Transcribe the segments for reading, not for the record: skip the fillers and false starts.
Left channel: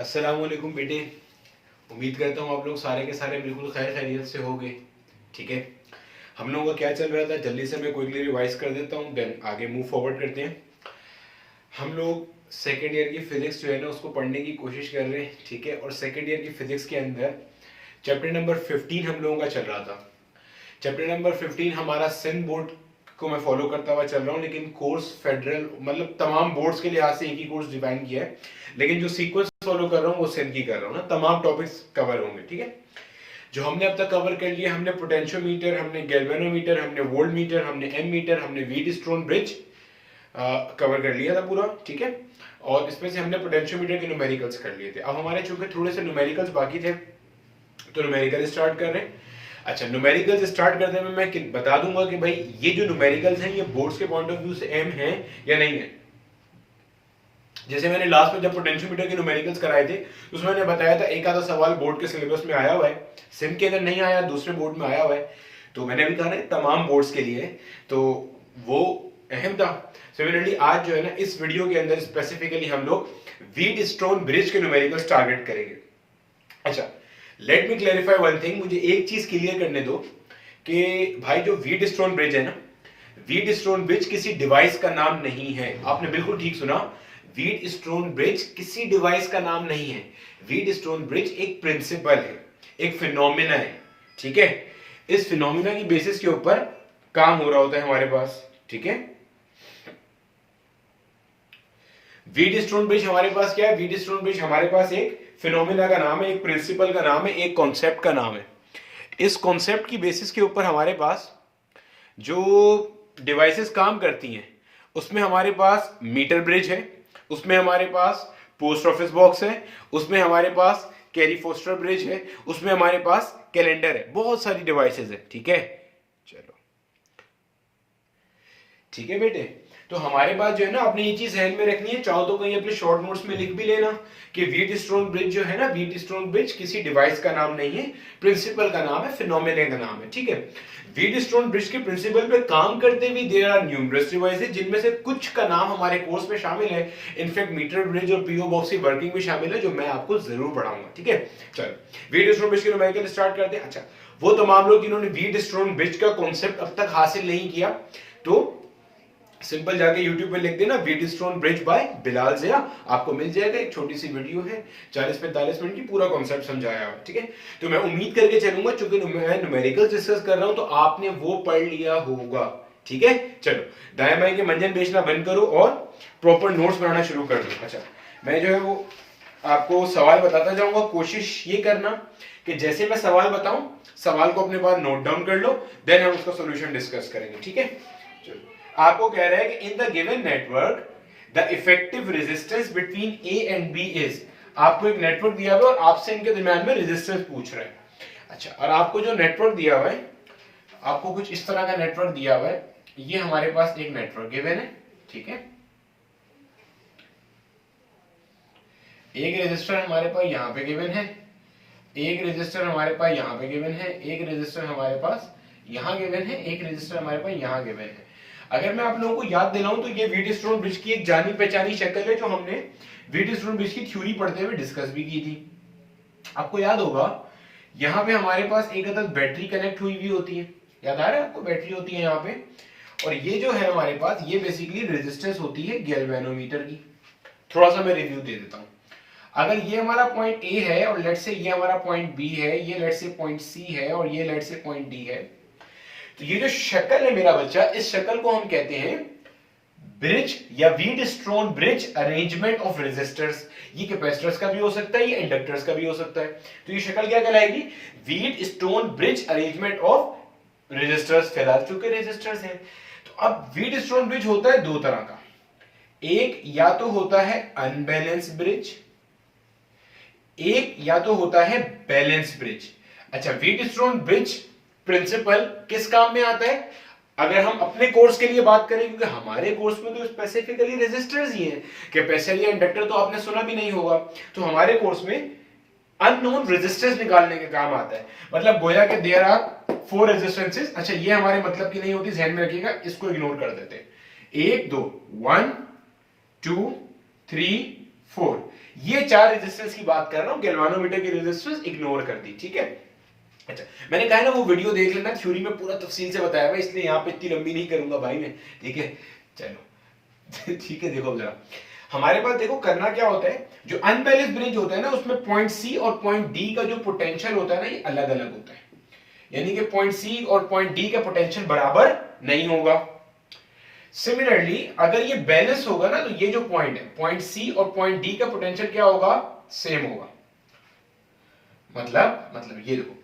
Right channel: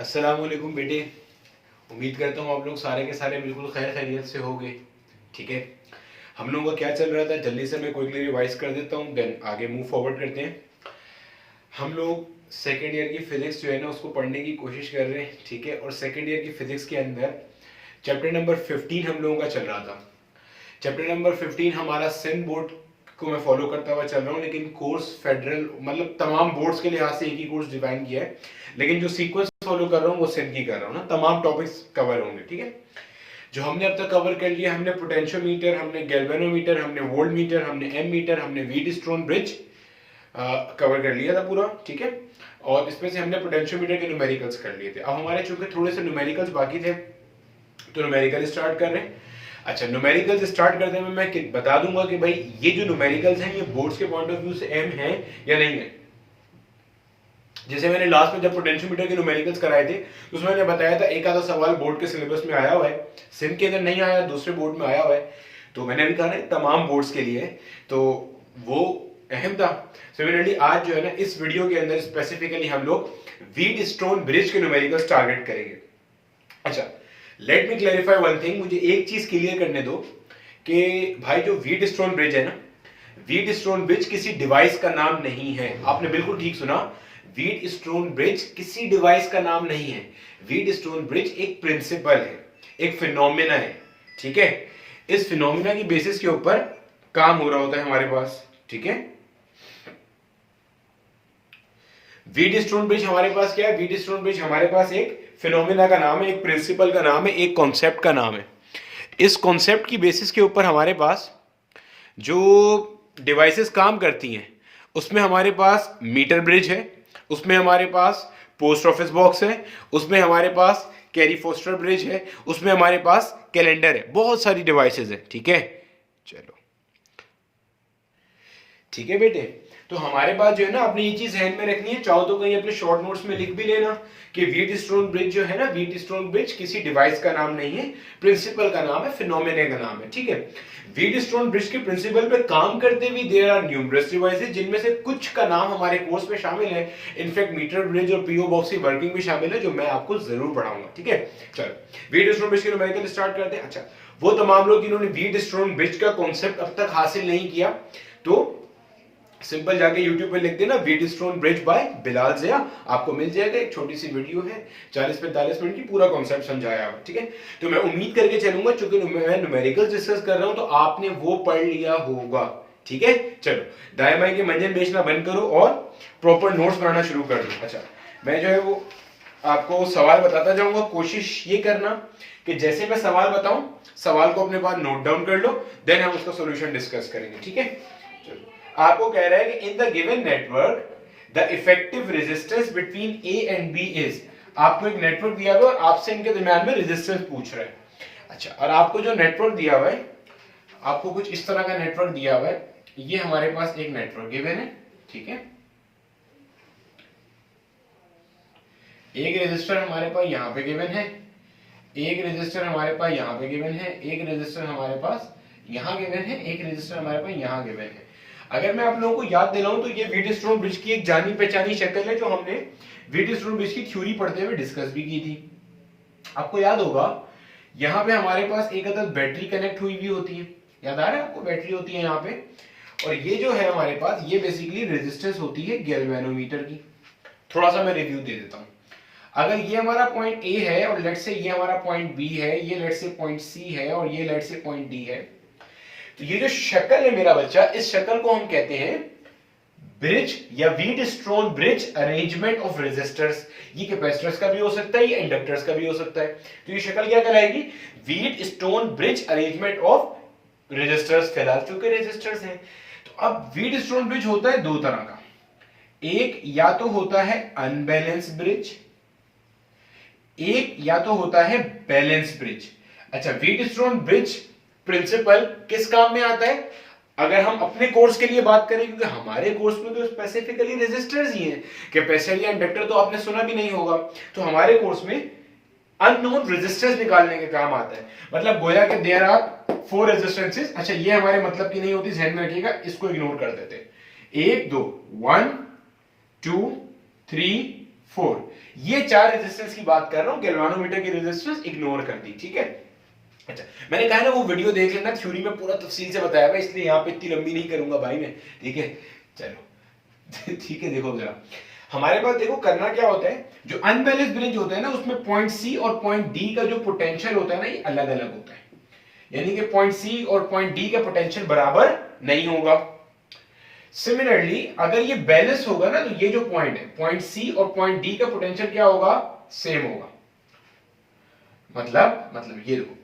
अस्सलाम वालेकुम बेटे। उम्मीद करता हूँ आप लोग सारे के सारे बिल्कुल खैर खैरियत से होंगे। ठीक है, हम लोगों का क्या चल रहा था जल्दी से मैं क्विकली रिवाइज कर देता हूँ, देन आगे मूव फॉरवर्ड करते हैं। हम लोग सेकेंड ईयर की फिजिक्स जो है ना उसको पढ़ने की कोशिश कर रहे हैं। ठीक है, और सेकेंड ईयर की फिजिक्स के अंदर चैप्टर नंबर 15 हम लोगों का चल रहा था। चैप्टर नंबर 15 हमारा सिंध बोर्ड को मैं फॉलो करता हुआ चल रहा हूँ, लेकिन कोर्स फेडरल मतलब तमाम बोर्ड्स के लिहाज से एक ही कोर्स डिफाइन किया है, लेकिन जो सीक्वेंस फॉलो कर रहा हूँ वो सिंध की कर रहा हूँ ना। तमाम टॉपिक्स कवर होंगे। ठीक है, जो हमने अब तक कवर कर लिया, हमने पोटेंशियोमीटर, हमने गैल्वेनोमीटर, हमने वोल्ट मीटर, हमने एम मीटर, हमने व्हीट स्टोन ब्रिज कवर कर लिया था पूरा। ठीक है, और इसमें से हमने पोटेंशियोमीटर के न्यूमेरिकल्स कर लिए थे। अब हमारे चूंकि थोड़े से न्यूमेरिकल्स बाकी थे तो न्यूमेरिकल स्टार्ट कर रहे हैं। अच्छा, न्यूमेरिकल्स स्टार्ट करते हैं मैं बता दूंगा कि भाई ये जो न्यूमेरिकल्स हैं ये बोर्ड्स के पॉइंट ऑफ व्यू से एम है या नहीं है। जैसे मैंने लास्ट में जब पोटेंशियोमीटर के न्यूमेरिकल्स कराए थे तो उसमें मैंने बताया था एक आधा सवाल बोर्ड के सिलेबस में आया हुआ है, सिम के अंदर नहीं आया, दूसरे बोर्ड में आया हुआ है। तो मैंने भी कहा ना तमाम बोर्ड्स के लिए, तो वो अहम था। सिमिलरली आज जो है ना इस वीडियो के अंदर स्पेसिफिकली हम लोग व्हीट स्टोन ब्रिज के न्यूमेरिकल्स टारगेट करेंगे। अच्छा, let me clarify one thing, मुझे एक चीज क्लियर करने दो कि भाई जो व्हीट स्टोन ब्रिज है ना, व्हीट स्टोन ब्रिज किसी डिवाइस का नाम नहीं है। आपने बिल्कुल ठीक सुना, व्हीट स्टोन ब्रिज किसी डिवाइस का नाम नहीं है। व्हीट स्टोन ब्रिज एक प्रिंसिपल है, एक फिनोमिना है। ठीक है, इस फिनोमिना की बेसिस के ऊपर काम हो रहा होता है हमारे पास। ठीक है, व्हीट स्टोन ब्रिज हमारे पास क्या है? व्हीट स्टोन ब्रिज हमारे पास एक फिनोमिना का नाम है, एक प्रिंसिपल का नाम है, एक कॉन्सेप्ट का नाम है। इस कॉन्सेप्ट की बेसिस के ऊपर हमारे पास जो डिवाइसेस काम करती हैं उसमें हमारे पास मीटर ब्रिज है, उसमें हमारे पास पोस्ट ऑफिस बॉक्स है, उसमें हमारे पास कैरी फोस्टर ब्रिज है, उसमें हमारे पास कैलेंडर है, बहुत सारी डिवाइसेस है। ठीक है, चलो ठीक है बेटे, तो हमारे पास जो है ना आपने ये चीज ध्यान में रखनी है। चाहो तो कहीं अपने शॉर्ट नोट्स में लिख भी लेना कि व्हीट स्टोन ब्रिज जो है ना, व्हीट स्टोन ब्रिज किसी डिवाइस का नाम नहीं है, प्रिंसिपल का नाम है, फिनोमेना का नाम है। ठीक है, व्हीट स्टोन ब्रिज के प्रिंसिपल पे काम करते हुए देयर आर न्यूमरस डिवाइसेस, जिनमें से कुछ का नाम हमारे कोर्स में शामिल है। इनफैक्ट मीटर ब्रिज और पीओ बॉक्स की वर्किंग भी शामिल है, जो मैं आपको जरूर पढ़ाऊंगा। ठीक है, चलो व्हीट स्टोन ब्रिज के न्यूमेरिकल स्टार्ट करते हैं। अच्छा, वो तमाम लोग जिन्होंने व्हीट स्टोन ब्रिज का कॉन्सेप्ट अब तक हासिल नहीं किया तो सिंपल जाके YouTube पे लिख देना Wheatstone bridge by Bilal Zia, आपको मिल जाएगा। एक छोटी सी वीडियो है 40-45 मिनट की, पूरा कॉन्सेप्ट समझाया है। ठीक है, तो मैं उम्मीद करके चलूंगा चूंकि मैं न्यूमेरिकल्स डिस्कस कर रहा हूं तो आपने वो पढ़ लिया होगा। ठीक है, चलो दाएं बाएं के मंजन बेचना बंद करो और प्रॉपर नोट्स बनाना शुरू कर दो। अच्छा, मैं जो है वो आपको सवाल बताता जाऊंगा, कोशिश ये करना कि जैसे मैं सवाल बताऊं सवाल को अपने पास नोट डाउन कर लो, देन हम उसका सॉल्यूशन डिस्कस करेंगे। ठीक है, चलो आपको कह रहा है कि in the given network the effective resistance between A and B is, आपको एक नेटवर्क दिया हुआ है और आपसे इनके दरमियान में रेजिस्टेंस पूछ रहा है। अच्छा, और आपको जो नेटवर्क दिया हुआ है, आपको कुछ इस तरह का नेटवर्क दिया हुआ है। ये हमारे पास एक नेटवर्क गिवन है। ठीक है, एक रेजिस्टर हमारे पास यहां पे गिवन है, एक रेजिस्टर हमारे पास यहां पे गिवन है, एक रेजिस्टर हमारे पास यहां गिवन है, एक रेजिस्टर हमारे पास यहां गिवन है। अगर मैं आप लोगों को याद दिलाऊं तो ये व्हीट स्टोन ब्रिज की एक जानी पहचानी शक्ल है, जो हमने व्हीट स्टोन ब्रिज की थ्योरी पढ़ते हुए डिस्कस भी की थी। आपको याद होगा यहाँ पे हमारे पास एक अदद बैटरी कनेक्ट हुई भी होती है, याद आ रहा है आपको? बैटरी होती है यहाँ पे, और ये जो है हमारे पास ये बेसिकली रेजिस्टेंस होती है गैल्वेनोमीटर की। थोड़ा सा मैं रिव्यू दे देता हूँ। अगर ये हमारा पॉइंट ए है और लेट से ये हमारा पॉइंट बी है, ये लेट से पॉइंट सी है और ये लेट से पॉइंट डी है, तो ये जो शक्ल है मेरा बच्चा, इस शक्ल को हम कहते हैं ब्रिज या Wheatstone bridge arrangement of resistors. ये कैपेसिटर्स का भी हो सकता है, ये इंडक्टर्स का भी हो सकता है। तो ये शक्ल क्या कहलाएगी? Wheatstone bridge arrangement of resistors. फिलहाल चूंकि रेजिस्टर्स हैं, तो अब व्हीट स्टोन ब्रिज होता है दो तरह का। एक या तो होता है अनबैलेंस ब्रिज, एक या तो होता है बैलेंस ब्रिज। अच्छा, व्हीट स्टोन ब्रिज प्रिंसिपल किस काम में आता है? अगर हम अपने कोर्स के लिए बात करें, क्योंकि हमारे कोर्स में तो स्पेसिफिकली रेजिस्टर्स ही हैं, कैपेसिटर या इंडक्टर तो आपने सुना भी नहीं होगा। तो हमारे कोर्स में अननोन रेजिस्टेंस निकालने के काम आता है। मतलब गोया के देयर आर 4 रेजिस्टेंसेस। अच्छा, ये हमारे मतलब की नहीं होती, ध्यान में रखिएगा, इसको इग्नोर कर देते हैं। 1 2 1 2 3 4, ये 4 रेजिस्टेंस की बात कर रहा हूं, गैल्वानोमीटर की रेजिस्टेंस इग्नोर कर दी, ठीक है। अच्छा, मैंने कहा ना वो वीडियो देख लेना, थ्योरी में पूरा तफसील से बताया हुआ, इसलिए यहाँ पे इतनी लंबी नहीं करूंगा भाई मैं, ठीक है। चलो ठीक है, देखो जरा हमारे पास देखो करना क्या होता है, जो अनबैलेंस्ड ब्रिज होता है ना उसमें पॉइंट सी और पॉइंट डी का जो पोटेंशियल होता है ना ये अलग अलग होता है, यानी कि पॉइंट सी और पॉइंट डी का पोटेंशियल बराबर नहीं होगा। सिमिलरली अगर ये बैलेंस होगा ना तो ये जो पॉइंट है पॉइंट सी और पॉइंट डी का पोटेंशियल क्या होगा, सेम होगा। मतलब ये देखो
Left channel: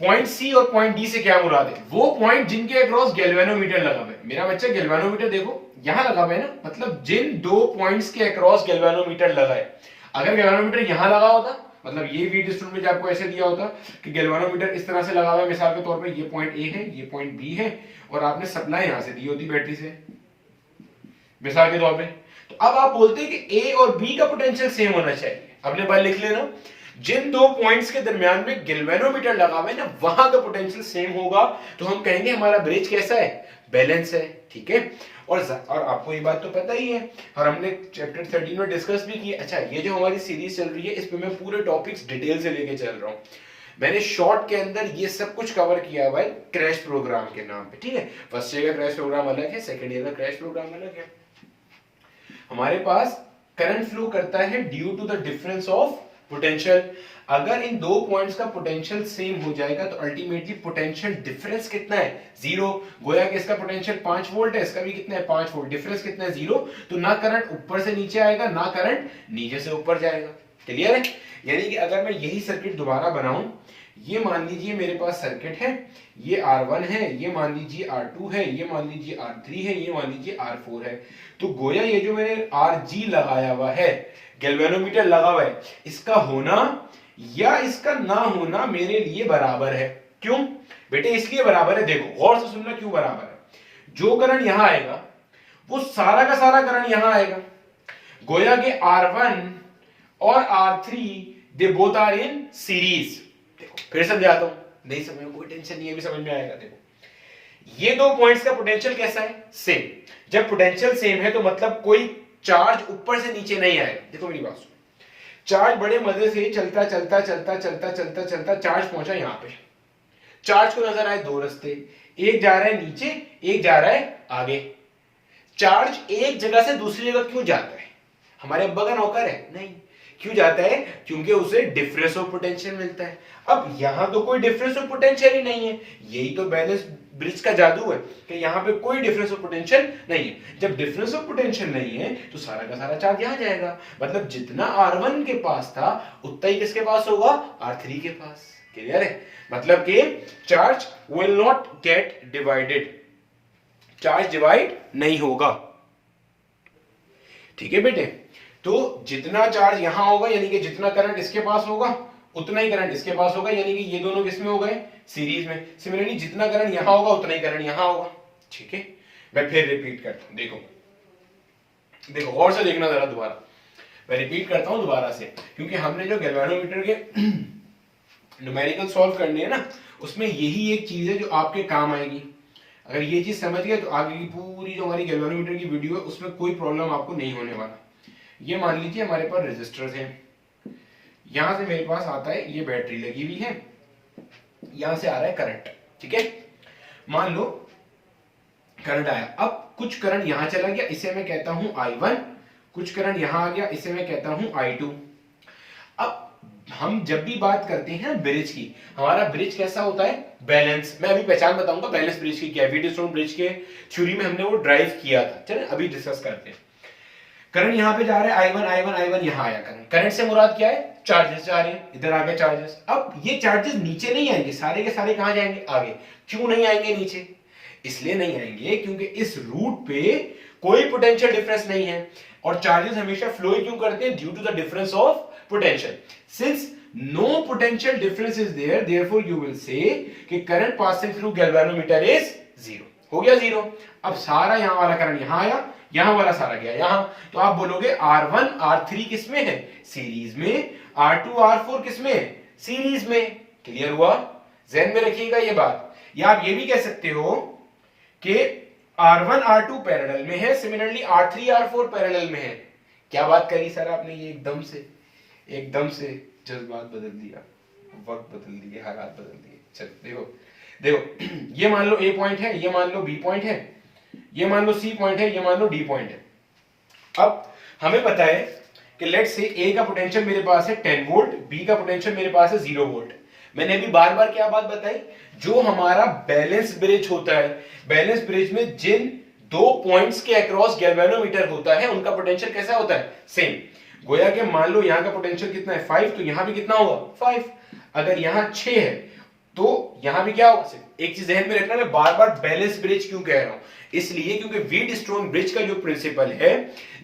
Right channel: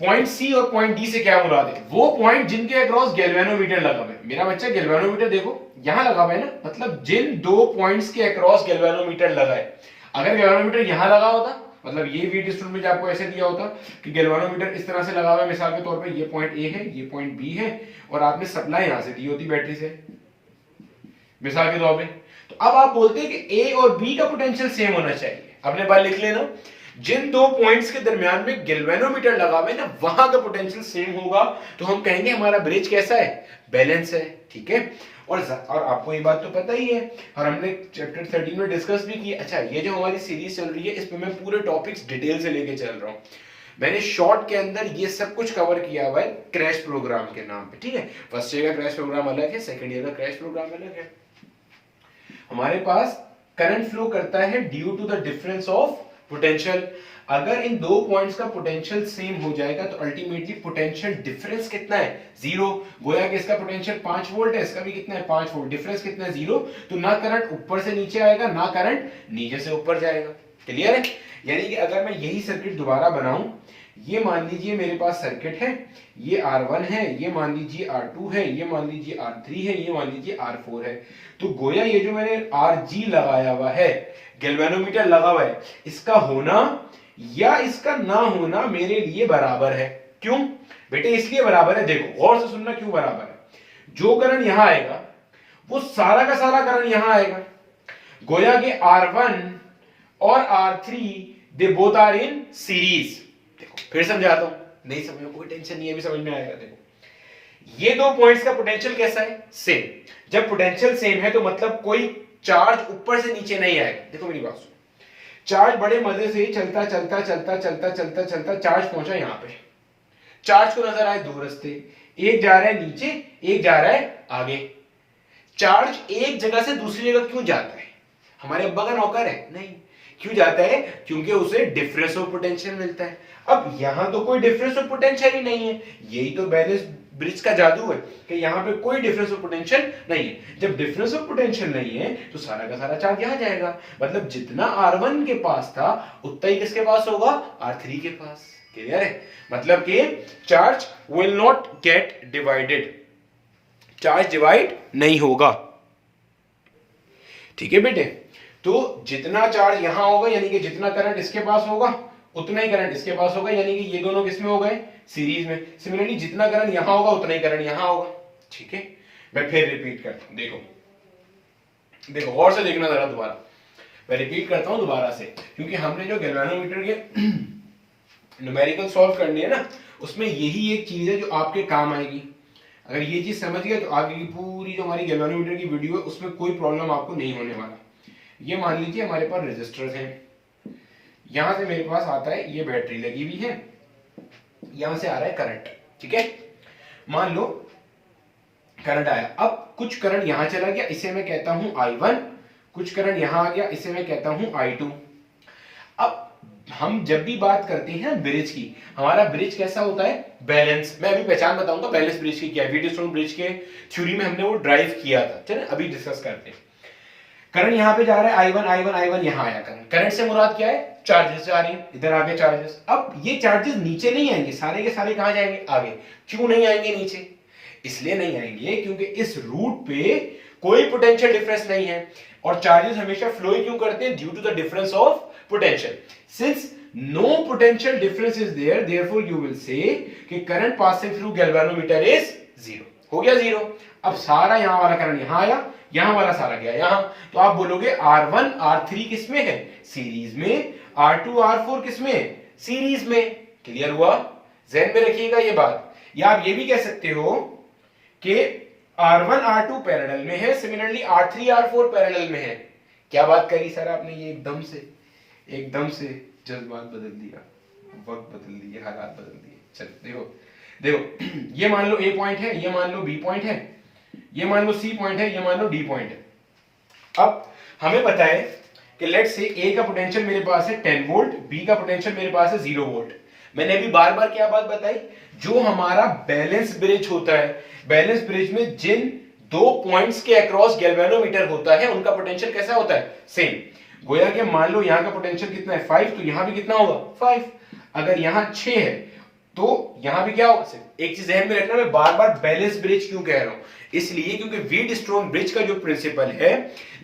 पॉइंट सी और पॉइंट डी से क्या मुराद है, वो पॉइंट जिनके अक्रॉस गैल्वेनोमीटर लगा हुआ है। मेरा बच्चा गैल्वेनोमीटर देखो यहां लगा हुआ है ना, मतलब जिन दो पॉइंट्स के अक्रॉस गैल्वेनोमीटर लगा है। अगर गैल्वेनोमीटर यहां लगा होता, मतलब ये वीडियो इंस्ट्रूमेंट में आपको ऐसे दिया होता कि गैल्वेनोमीटर इस तरह से लगा हुआ है, मिसाल के तौर पे ये पॉइंट ए है, ये पॉइंट बी है, और आपने सप्लाई यहां से दी होती बैटरी से, मिसाल के तौर पे। तो अब आप बोलते हैं कि ए और बी का पोटेंशियल सेम होना चाहिए। अपने बार लिख लेना, जिन दो पॉइंट्स के दरमियान में गैल्वेनोमीटर लगा हुआ है ना वहां का पोटेंशियल सेम होगा, तो हम कहेंगे हमारा ब्रिज कैसा है, बैलेंस है, ठीक है। और आपको ये बात तो पता ही है, और हमने चैप्टर 13 में डिस्कस भी किया। अच्छा, ये जो हमारी सीरीज चल रही है इसमें मैं पूरे टॉपिक्स डिटेल से लेके चल रहा हूं। मैंने शॉर्ट के अंदर ये सब कुछ कवर किया हुआ है क्रैश प्रोग्राम के नाम पे, ठीक है। फर्स्ट ईयर का क्रैश प्रोग्राम अलग है, सेकंड ईयर का क्रैश प्रोग्राम अलग है। हमारे पास करंट फ्लो करता है due to the difference of potential. अगर इन दो पॉइंट्स का पोटेंशियल सेम हो जाएगा तो अल्टीमेटली पोटेंशियल डिफरेंस कितना है, 0। गोया कि इसका पोटेंशियल 5 वोल्ट है, इसका भी कितना है 5 वोल्ट, डिफरेंस कितना है 0। तो ना करंट ऊपर से नीचे आएगा, ना करंट नीचे से ऊपर जाएगा। क्लियर है। यानी कि अगर मैं यही सर्किट दोबारा बनाऊं, ये मान लीजिए मेरे पास सर्किट है, ये R1 है, ये मान लीजिए R2 है, ये मान लीजिए R3 है, ये मान लीजिए R4 है। तो गोया ये जो मैंने RG लगाया हुआ है, गैल्वेनोमीटर लगा हुआ है, इसका होना या इसका ना होना मेरे लिए बराबर है। क्यों बेटे, इसलिए बराबर है, देखो गौर से सुनना क्यों बराबर है। जो करंट यहां आएगा वो सारा का सारा करंट यहां आएगा। गोया के R1 और R3 they both are in series. देखो फिर समझाता हूं, नहीं समझ में कोई टेंशन नहीं है, भी समझ में आएगा। देखो ये दो पॉइंट्स का पोटेंशियल कैसा है, सेम। जब पोटेंशियल सेम है तो मतलब कोई चार्ज ऊपर से नीचे नहीं आएगा। देखो मेरी बात सुनो, चार्ज बड़े मजे से चलता चलता चलता चलता चलता चलता चार्ज पहुंचा यहां पे। चार्ज को नजर आए दो रास्ते, एक जा रहा है नीचे, एक जा रहा है आगे। चार्ज एक जगह से दूसरी जगह क्यों जाता है, हमारे अब्बा का नौकर है? नहीं। क्यों जाता है? क्योंकि उसे डिफरेंस ऑफ पोटेंशियल मिलता है। अब यहां तो कोई डिफरेंस ऑफ पोटेंशियल ही नहीं है, यही तो बैलेंस ब्रिज का जादू है कि यहां पे कोई डिफरेंस ऑफ पोटेंशियल नहीं है। जब डिफरेंस ऑफ पोटेंशियल नहीं है तो सारा का सारा चार्ज यहां जाएगा, मतलब जितना R1 के पास था उतना ही किसके पास होगा, R3 के पास। क्लियर है। मतलब कि charge will not gate divided, charge divide नहीं होगा, ठीक है बेटे। तो जितना चार्ज यहां होगा, यानी कि जितना करंट इसके पास होगा उतना ही करंट इसके पास होगा, यानी कि ये दोनों किसमें हो गए, सीरीज में। सिमिलरली जितना करंट यहां होगा उतना ही करंट यहां होगा, ठीक है। मैं फिर रिपीट करता हूं, देखो देखो गौर से देखना जरा दोबारा, मैं रिपीट करता हूं दोबारा से, क्योंकि हमने जो गैल्वेनोमीटर के न्यूमेरिकल सॉल्व करने हैं ना, उसमें यही एक चीज है जो आपके काम आएगी। अगर ये चीज समझ गए तो आगे की पूरी जो हमारी गैल्वेनोमीटर की वीडियो है उसमें कोई प्रॉब्लम आपको नहीं होने वाला। ये मान लीजिए हमारे पास रेजिस्टर्स हैं, यहां से मेरे पास आता है, ये बैटरी लगी हुई है, यहां से आ रहा है करंट, ठीक है। मान लो करंट आया, अब कुछ करंट यहां चला गया, इसे मैं कहता हूं I1, कुछ करंट यहां आ गया, इसे मैं कहता हूं I2। अब हम जब भी बात करते हैं ब्रिज की, हमारा ब्रिज कैसा होता है, बैलेंस। मैं अभी पहचान बताऊंगा बैलेंस ब्रिज की क्या है, व्हीटस्टोन ब्रिज के थ्योरी में हमने वो ड्राइव किया था। चलिए अभी डिस्कस करते हैं। करंट यहां पे जा रहा है I1 I1 I1, यहां आया करंट। करंट से मुराद क्या है, चार्जेस जा रहे हैं, इधर आ गए चार्जेस। अब ये चार्जेस नीचे नहीं आएंगे, सारे के सारे कहां जाएंगे, आगे। क्यों नहीं आएंगे नीचे, इसलिए नहीं आएंगे क्योंकि इस रूट पे कोई पोटेंशियल डिफरेंस नहीं है, और चार्जेस हमेशा फ्लो क्यों करते हैं, due to the difference of potential. Since no potential difference is there, therefore you will say कि current passing through galvanometer is 0। हो गया 0। अब सारा यहां वाला करंट यहां आया, यहां वाला सारा गया यहां, तो आप बोलोगे R1 R3 किसमें है, सीरीज में, R2 R4 किसमें, सीरीज में। क्लियर हुआ, ध्यान में रखिएगा ये बात। या आप ये भी कह सकते हो कि R1 R2 पैरेलल में है, सिमिलरली R3 R4 पैरेलल में है। क्या बात करी सर आपने, ये एकदम से जज्बात बदल दिया, वक्त बदल दिए, हालात बदल दिए। चलो देखो देखो, ये मान लो ए पॉइंट है, ये मान लो बी पॉइंट है, ये मान लो सी पॉइंट है, ये मान लो डी पॉइंट है। अब हमें पता है कि लेट्स से ए का पोटेंशियल मेरे पास है 10 वोल्ट, बी का पोटेंशियल मेरे पास है 0 वोल्ट। मैंने अभी बार बार क्या बात बताई, जो हमारा बैलेंस ब्रिज होता है, बैलेंस ब्रिज में जिन दो पॉइंट्स के अक्रॉस गैल्वेनोमीटर होता है उनका पोटेंशियल कैसा होता है, सेम। गोया कि मान लो यहां का पोटेंशियल कितना है 5, तो यहां भी कितना होगा 5। अगर यहां 6 है तो यहां भी क्या होगा। एक चीज ध्यान में रखना, मैं बार बार बैलेंस ब्रिज क्यों कह रहा हूं, इसलिए क्योंकि व्हीटस्टोन ब्रिज का जो प्रिंसिपल है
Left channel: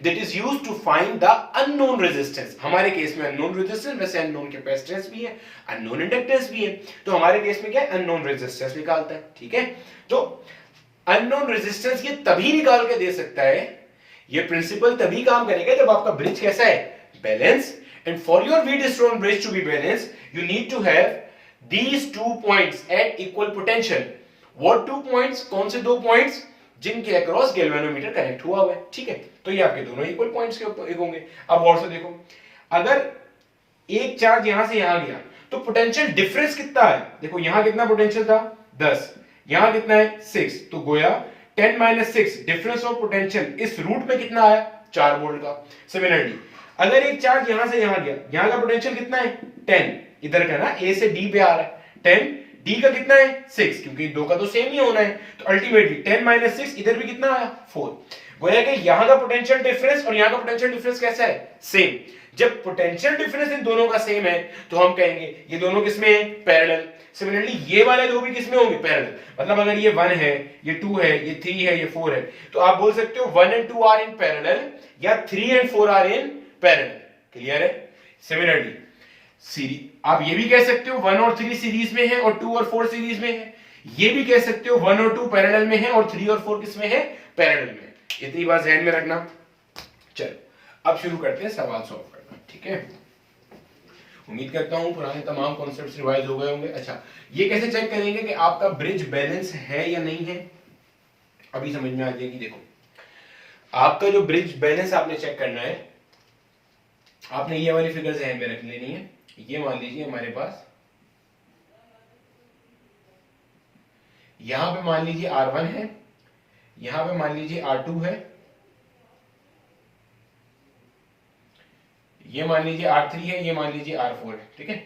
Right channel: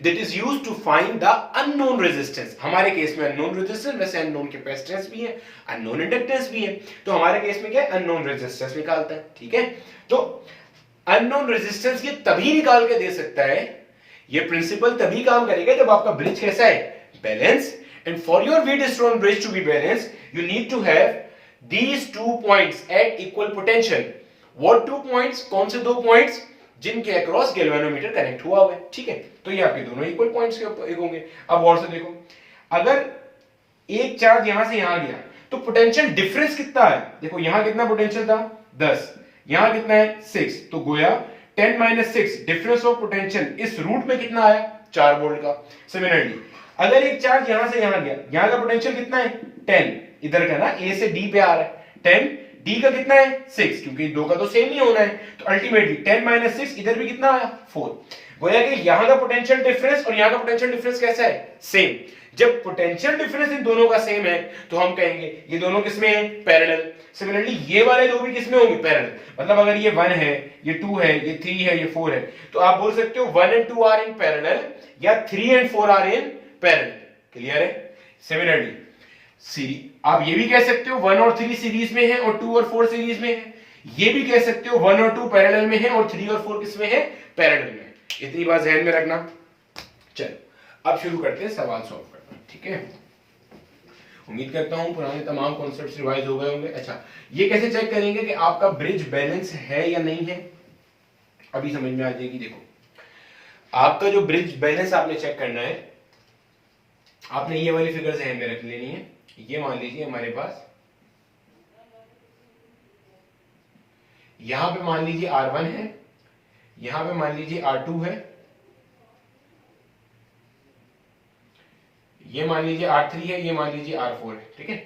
that is used to find the unknown resistance. हमारे केस में अननोन रेजिस्टेंस, वैसे अननोन कैपेसिटेंस भी है, अननोन इंडक्टेंस भी है, तो हमारे केस में क्या है, अननोन रेजिस्टेंस निकालता है। ठीक है, तो अननोन रेजिस्टेंस ये तभी निकाल के दे सकता है, ये प्रिंसिपल तभी काम करेगा जब आपका ब्रिज कैसा है, balance. And for your Wheatstone bridge to be balance you need to have these 2 points at equal potential. What 2 points, कौन से 2 पॉइंट्स, जिनके अक्रॉस गैल्वेनोमीटर कनेक्ट हुआ हुआ है। ठीक है, तो ये आपके दोनों इक्वल पॉइंट्स के होंगे। अब और से देखो, अगर एक चार्ज यहां से यहां गया तो पोटेंशियल डिफरेंस कितना है, देखो यहां कितना पोटेंशियल था 10, यहां कितना है 6, तो गोया 10 - 6 डिफरेंस ऑफ पोटेंशियल इस रूट में कितना आया 4 वोल्ट का। सिमिलरली अगर एक चार्ज यहां से यहां गया, यहां का पोटेंशियल कितना है 10, इधर का ना ए से डी पे आ रहा है 10, डी का कितना है 6, क्योंकि दो का तो सेम ही होना है, तो अल्टीमेटली 10 - 6 इधर भी कितना आया 4। गोया कि यहां का पोटेंशियल डिफरेंस और यहां का पोटेंशियल डिफरेंस कैसा है, सेम। जब पोटेंशियल डिफरेंस इन दोनों का सेम है तो हम कहेंगे ये दोनों किसमें है, पैरेलल। सिमिलरली ये वाले दो भी किसमें होंगे, पैरेलल। मतलब अगर ये 1 है, ये 2 है, ये 3 है, ये 4 है, तो आप बोल सकते हो 1 and 2 आर इन पैरेलल या 3 and 4 are in parallel. Clear है। सिमिलरली आप ये भी कह सकते हो 1 और 3 सीरीज में है और 2 और 4 सीरीज में है, ये भी कह सकते हो 1 और 2 पैरेलल में है और 3 और 4 किसमें है, पैरेलल में। इतनी बात ध्यान में रखना। चलो अब शुरू करते हैं सवाल सॉल्व करना। ठीक है, उम्मीद करता हूं पुराने तमाम कॉन्सेप्ट्स रिवाइज हो गए होंगे। अच्छा, ये कैसे चेक करेंगे कि आपका ब्रिज बैलेंस है या नहीं है, अभी समझ में आ जाएगी। देखो, आपका जो ब्रिज बैलेंस आपने चेक करना है, आपने ये वाली फिगर ध्यान में रख लेनी है। ये मान लीजिए हमारे पास यहां पे मान लीजिए R1 है, यहां पे मान लीजिए R2 है, ये मान लीजिए R3 है, ये मान लीजिए R4 है। ठीक है,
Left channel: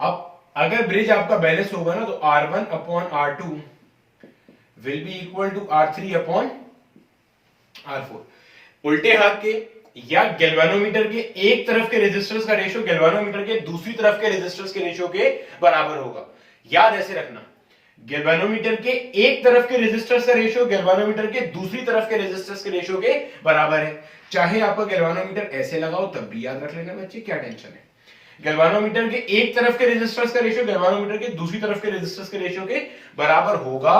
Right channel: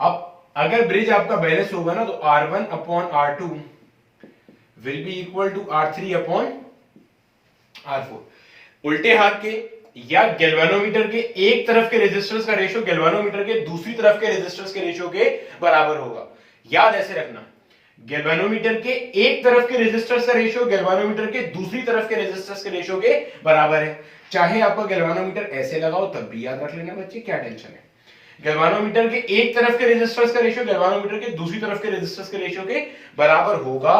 अब अगर ब्रिज आपका बैलेंस होगा ना तो R1 upon R2 will be equal to R3 upon R4। उल्टे हाथ के या गैल्वेनोमीटर के एक तरफ के रेजिस्टेंस का रेशियो गैल्वेनोमीटर के दूसरी तरफ के रेजिस्टेंस के रेशियो के बराबर होगा। याद ऐसे रखना, गैल्वेनोमीटर के एक तरफ के रेजिस्टेंस का रेशियो गैल्वेनोमीटर के दूसरी तरफ के रेजिस्टेंस के रेशियो के बराबर है। चाहे आपका गैल्वेनोमीटर ऐसे लगाओ तब भी याद रख लेना बच्चे, क्या टेंशन है। गैल्वेनोमीटर के एक तरफ के रेजिस्टेंस का रेशियो गैल्वेनोमीटर के दूसरी तरफ के रेजिस्टेंस के रेशियो के बराबर होगा,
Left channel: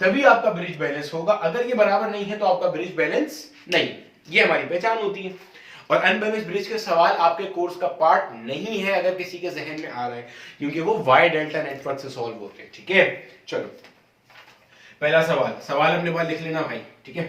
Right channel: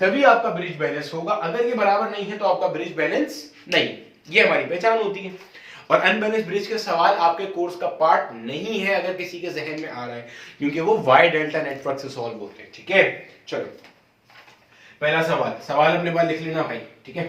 तभी आपका ब्रिज बैलेंस होगा। अगर ये बराबर नहीं है तो आपका ब्रिज बैलेंस नहीं। ये हमारी पहचान होती है। और अनबैलेंस ब्रिज के सवाल आपके कोर्स का पार्ट नहीं है अगर किसी के जहन में आ रहा है, क्योंकि वो वाई डेल्टा नेटवर्क से सॉल्व होते हैं। ठीक है, चलो पहला सवाल अपने पास लिख लेना भाई। ठीक है,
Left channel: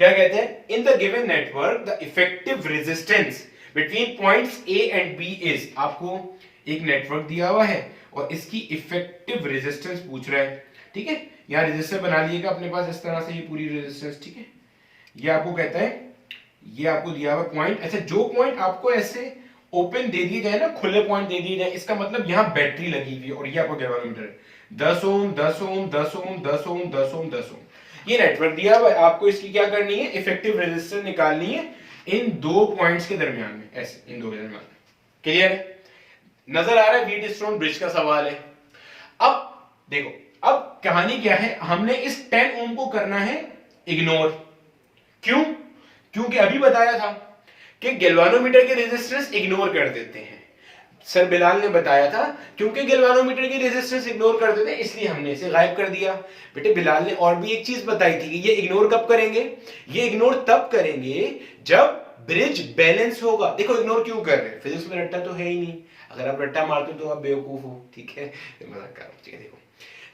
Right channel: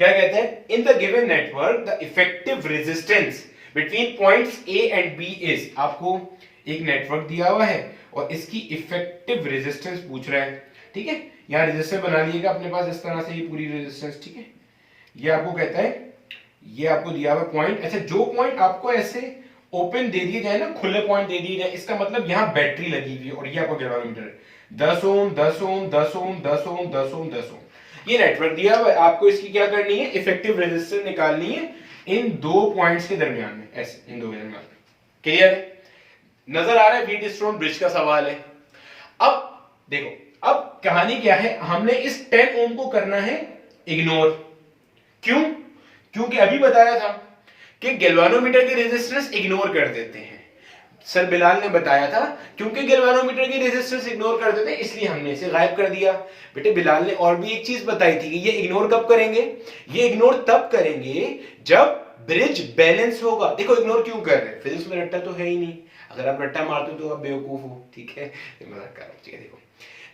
क्या कहते हैं, in the given network the effective resistance between points A and B is. आपको एक नेटवर्क दिया हुआ है और इसकी इफेक्टिव रेजिस्टेंस पूछ रहा है। ठीक है, यहां रेजिस्टेंस बना लीजिएगा अपने पास इस तरह से, ये पूरी रेजिस्टेंस। ठीक है, ये आपको कहता है, ये आपको दिया हुआ पॉइंट। अच्छा, जो पॉइंट आपको ऐसे ओपन दे दिए जाए ना, खुले पॉइंट दे दिए जाए, इसका मतलब यहां बैटरी लगी हुई है और ये आपको गैल्वेनोमीटर है। 10 ओम 10 ओम 10 ओम 10 ओम 10 ओम 10 ओम ये नेटवर्क दिया हुआ है। आपको इसकी क्या करनी है, इफेक्टिव रेजिस्टेंस निकालनी है इन दो पॉइंट्स के दरमियान में, ऐसे इन दो के दरमियान। क्लियर है, नजर आ रहा है। व्हीटस्टोन ब्रिज का सवाल है। अब देखो, अब कहानी क्या है, हमने इस 10 ओम को करना है इग्नोर। क्यों, क्योंकि अभी बताया था कि गैल्वेनोमीटर के रेजिस्टेंस इग्नोर कर देते हैं। सर बिलाल ने बताया था क्योंकि गैल्वेनोमीटर की रेजिस्टेंस इग्नोर कर देते हैं इसलिए हमने इसे गायब कर दिया। बेटे बिलाल ने और भी एक चीज बताई थी कि ये इग्नोर कब करेंगे, ये इग्नोर तब करेंगे जब ब्रिज बैलेंस होगा। देखो इग्नोर क्यों कर रहे हैं, फिजिक्स में रट्टा तो है ही नहीं, अगर आप रट्टा मारते हो तो आप बेवकूफ हो। ठीक है, मजाक कर रहा हूं। ठीक है, देखो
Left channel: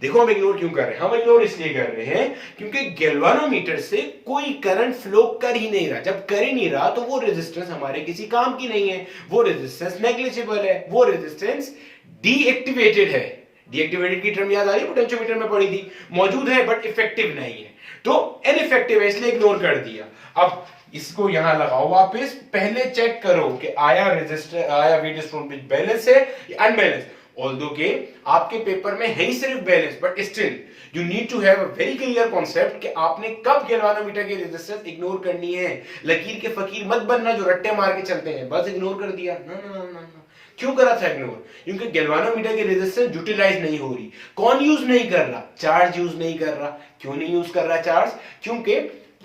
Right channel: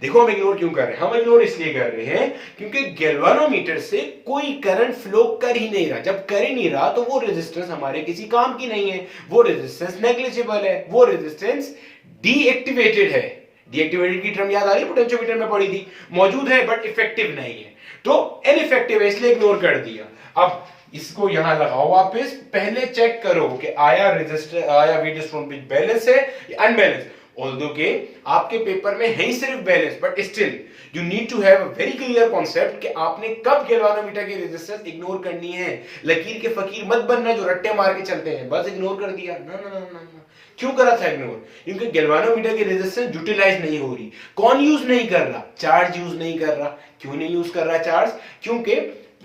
देखो हम इग्नोर क्यों कर रहे हैं, हम इग्नोर इसलिए कर रहे हैं क्योंकि गैल्वानोमीटर से कोई करंट फ्लो कर ही नहीं रहा। जब कर ही नहीं रहा तो वो रेजिस्टेंस हमारे किसी काम की नहीं है, वो रेजिस्टेंस नेग्लिजिबल है, वो रेजिस्टेंस डीएक्टिवेटेड है। डीएक्टिवेटेड की टर्म याद आ रही है, पोटेंशियोमीटर में पड़ी थी, मौजूद है बट इफेक्टिव नहीं है, तो इनइफेक्टिव है इसलिए इग्नोर कर दिया। अब इसको यहां लगाओ वापस, पहले चेक करो कि आया रेजिस्टर, आया वेट स्टोन ब्रिज बैलेंस है या अनबैलेंस। ऑल्दो के आपके पेपर में है ही सिर्फ balance, but still you need to have a very clear concept कि आपने कब गैल्वानोमीटर की रेजिस्टेंस इग्नोर करनी है। लकीर के फकीर मत बनना जो रट्टे मार के चलते हैं, बस इग्नोर कर दिया। ना ना ना ना, क्यों करा था इग्नोर? क्योंकि गैल्वानोमीटर की रेजिस्टेंस यूटिलाइज नहीं हो रही। कौन यूज नहीं कर रहा? चार्ज यूज नहीं कर रहा। क्यों नहीं यूज कर रहा चार्ज? क्योंकि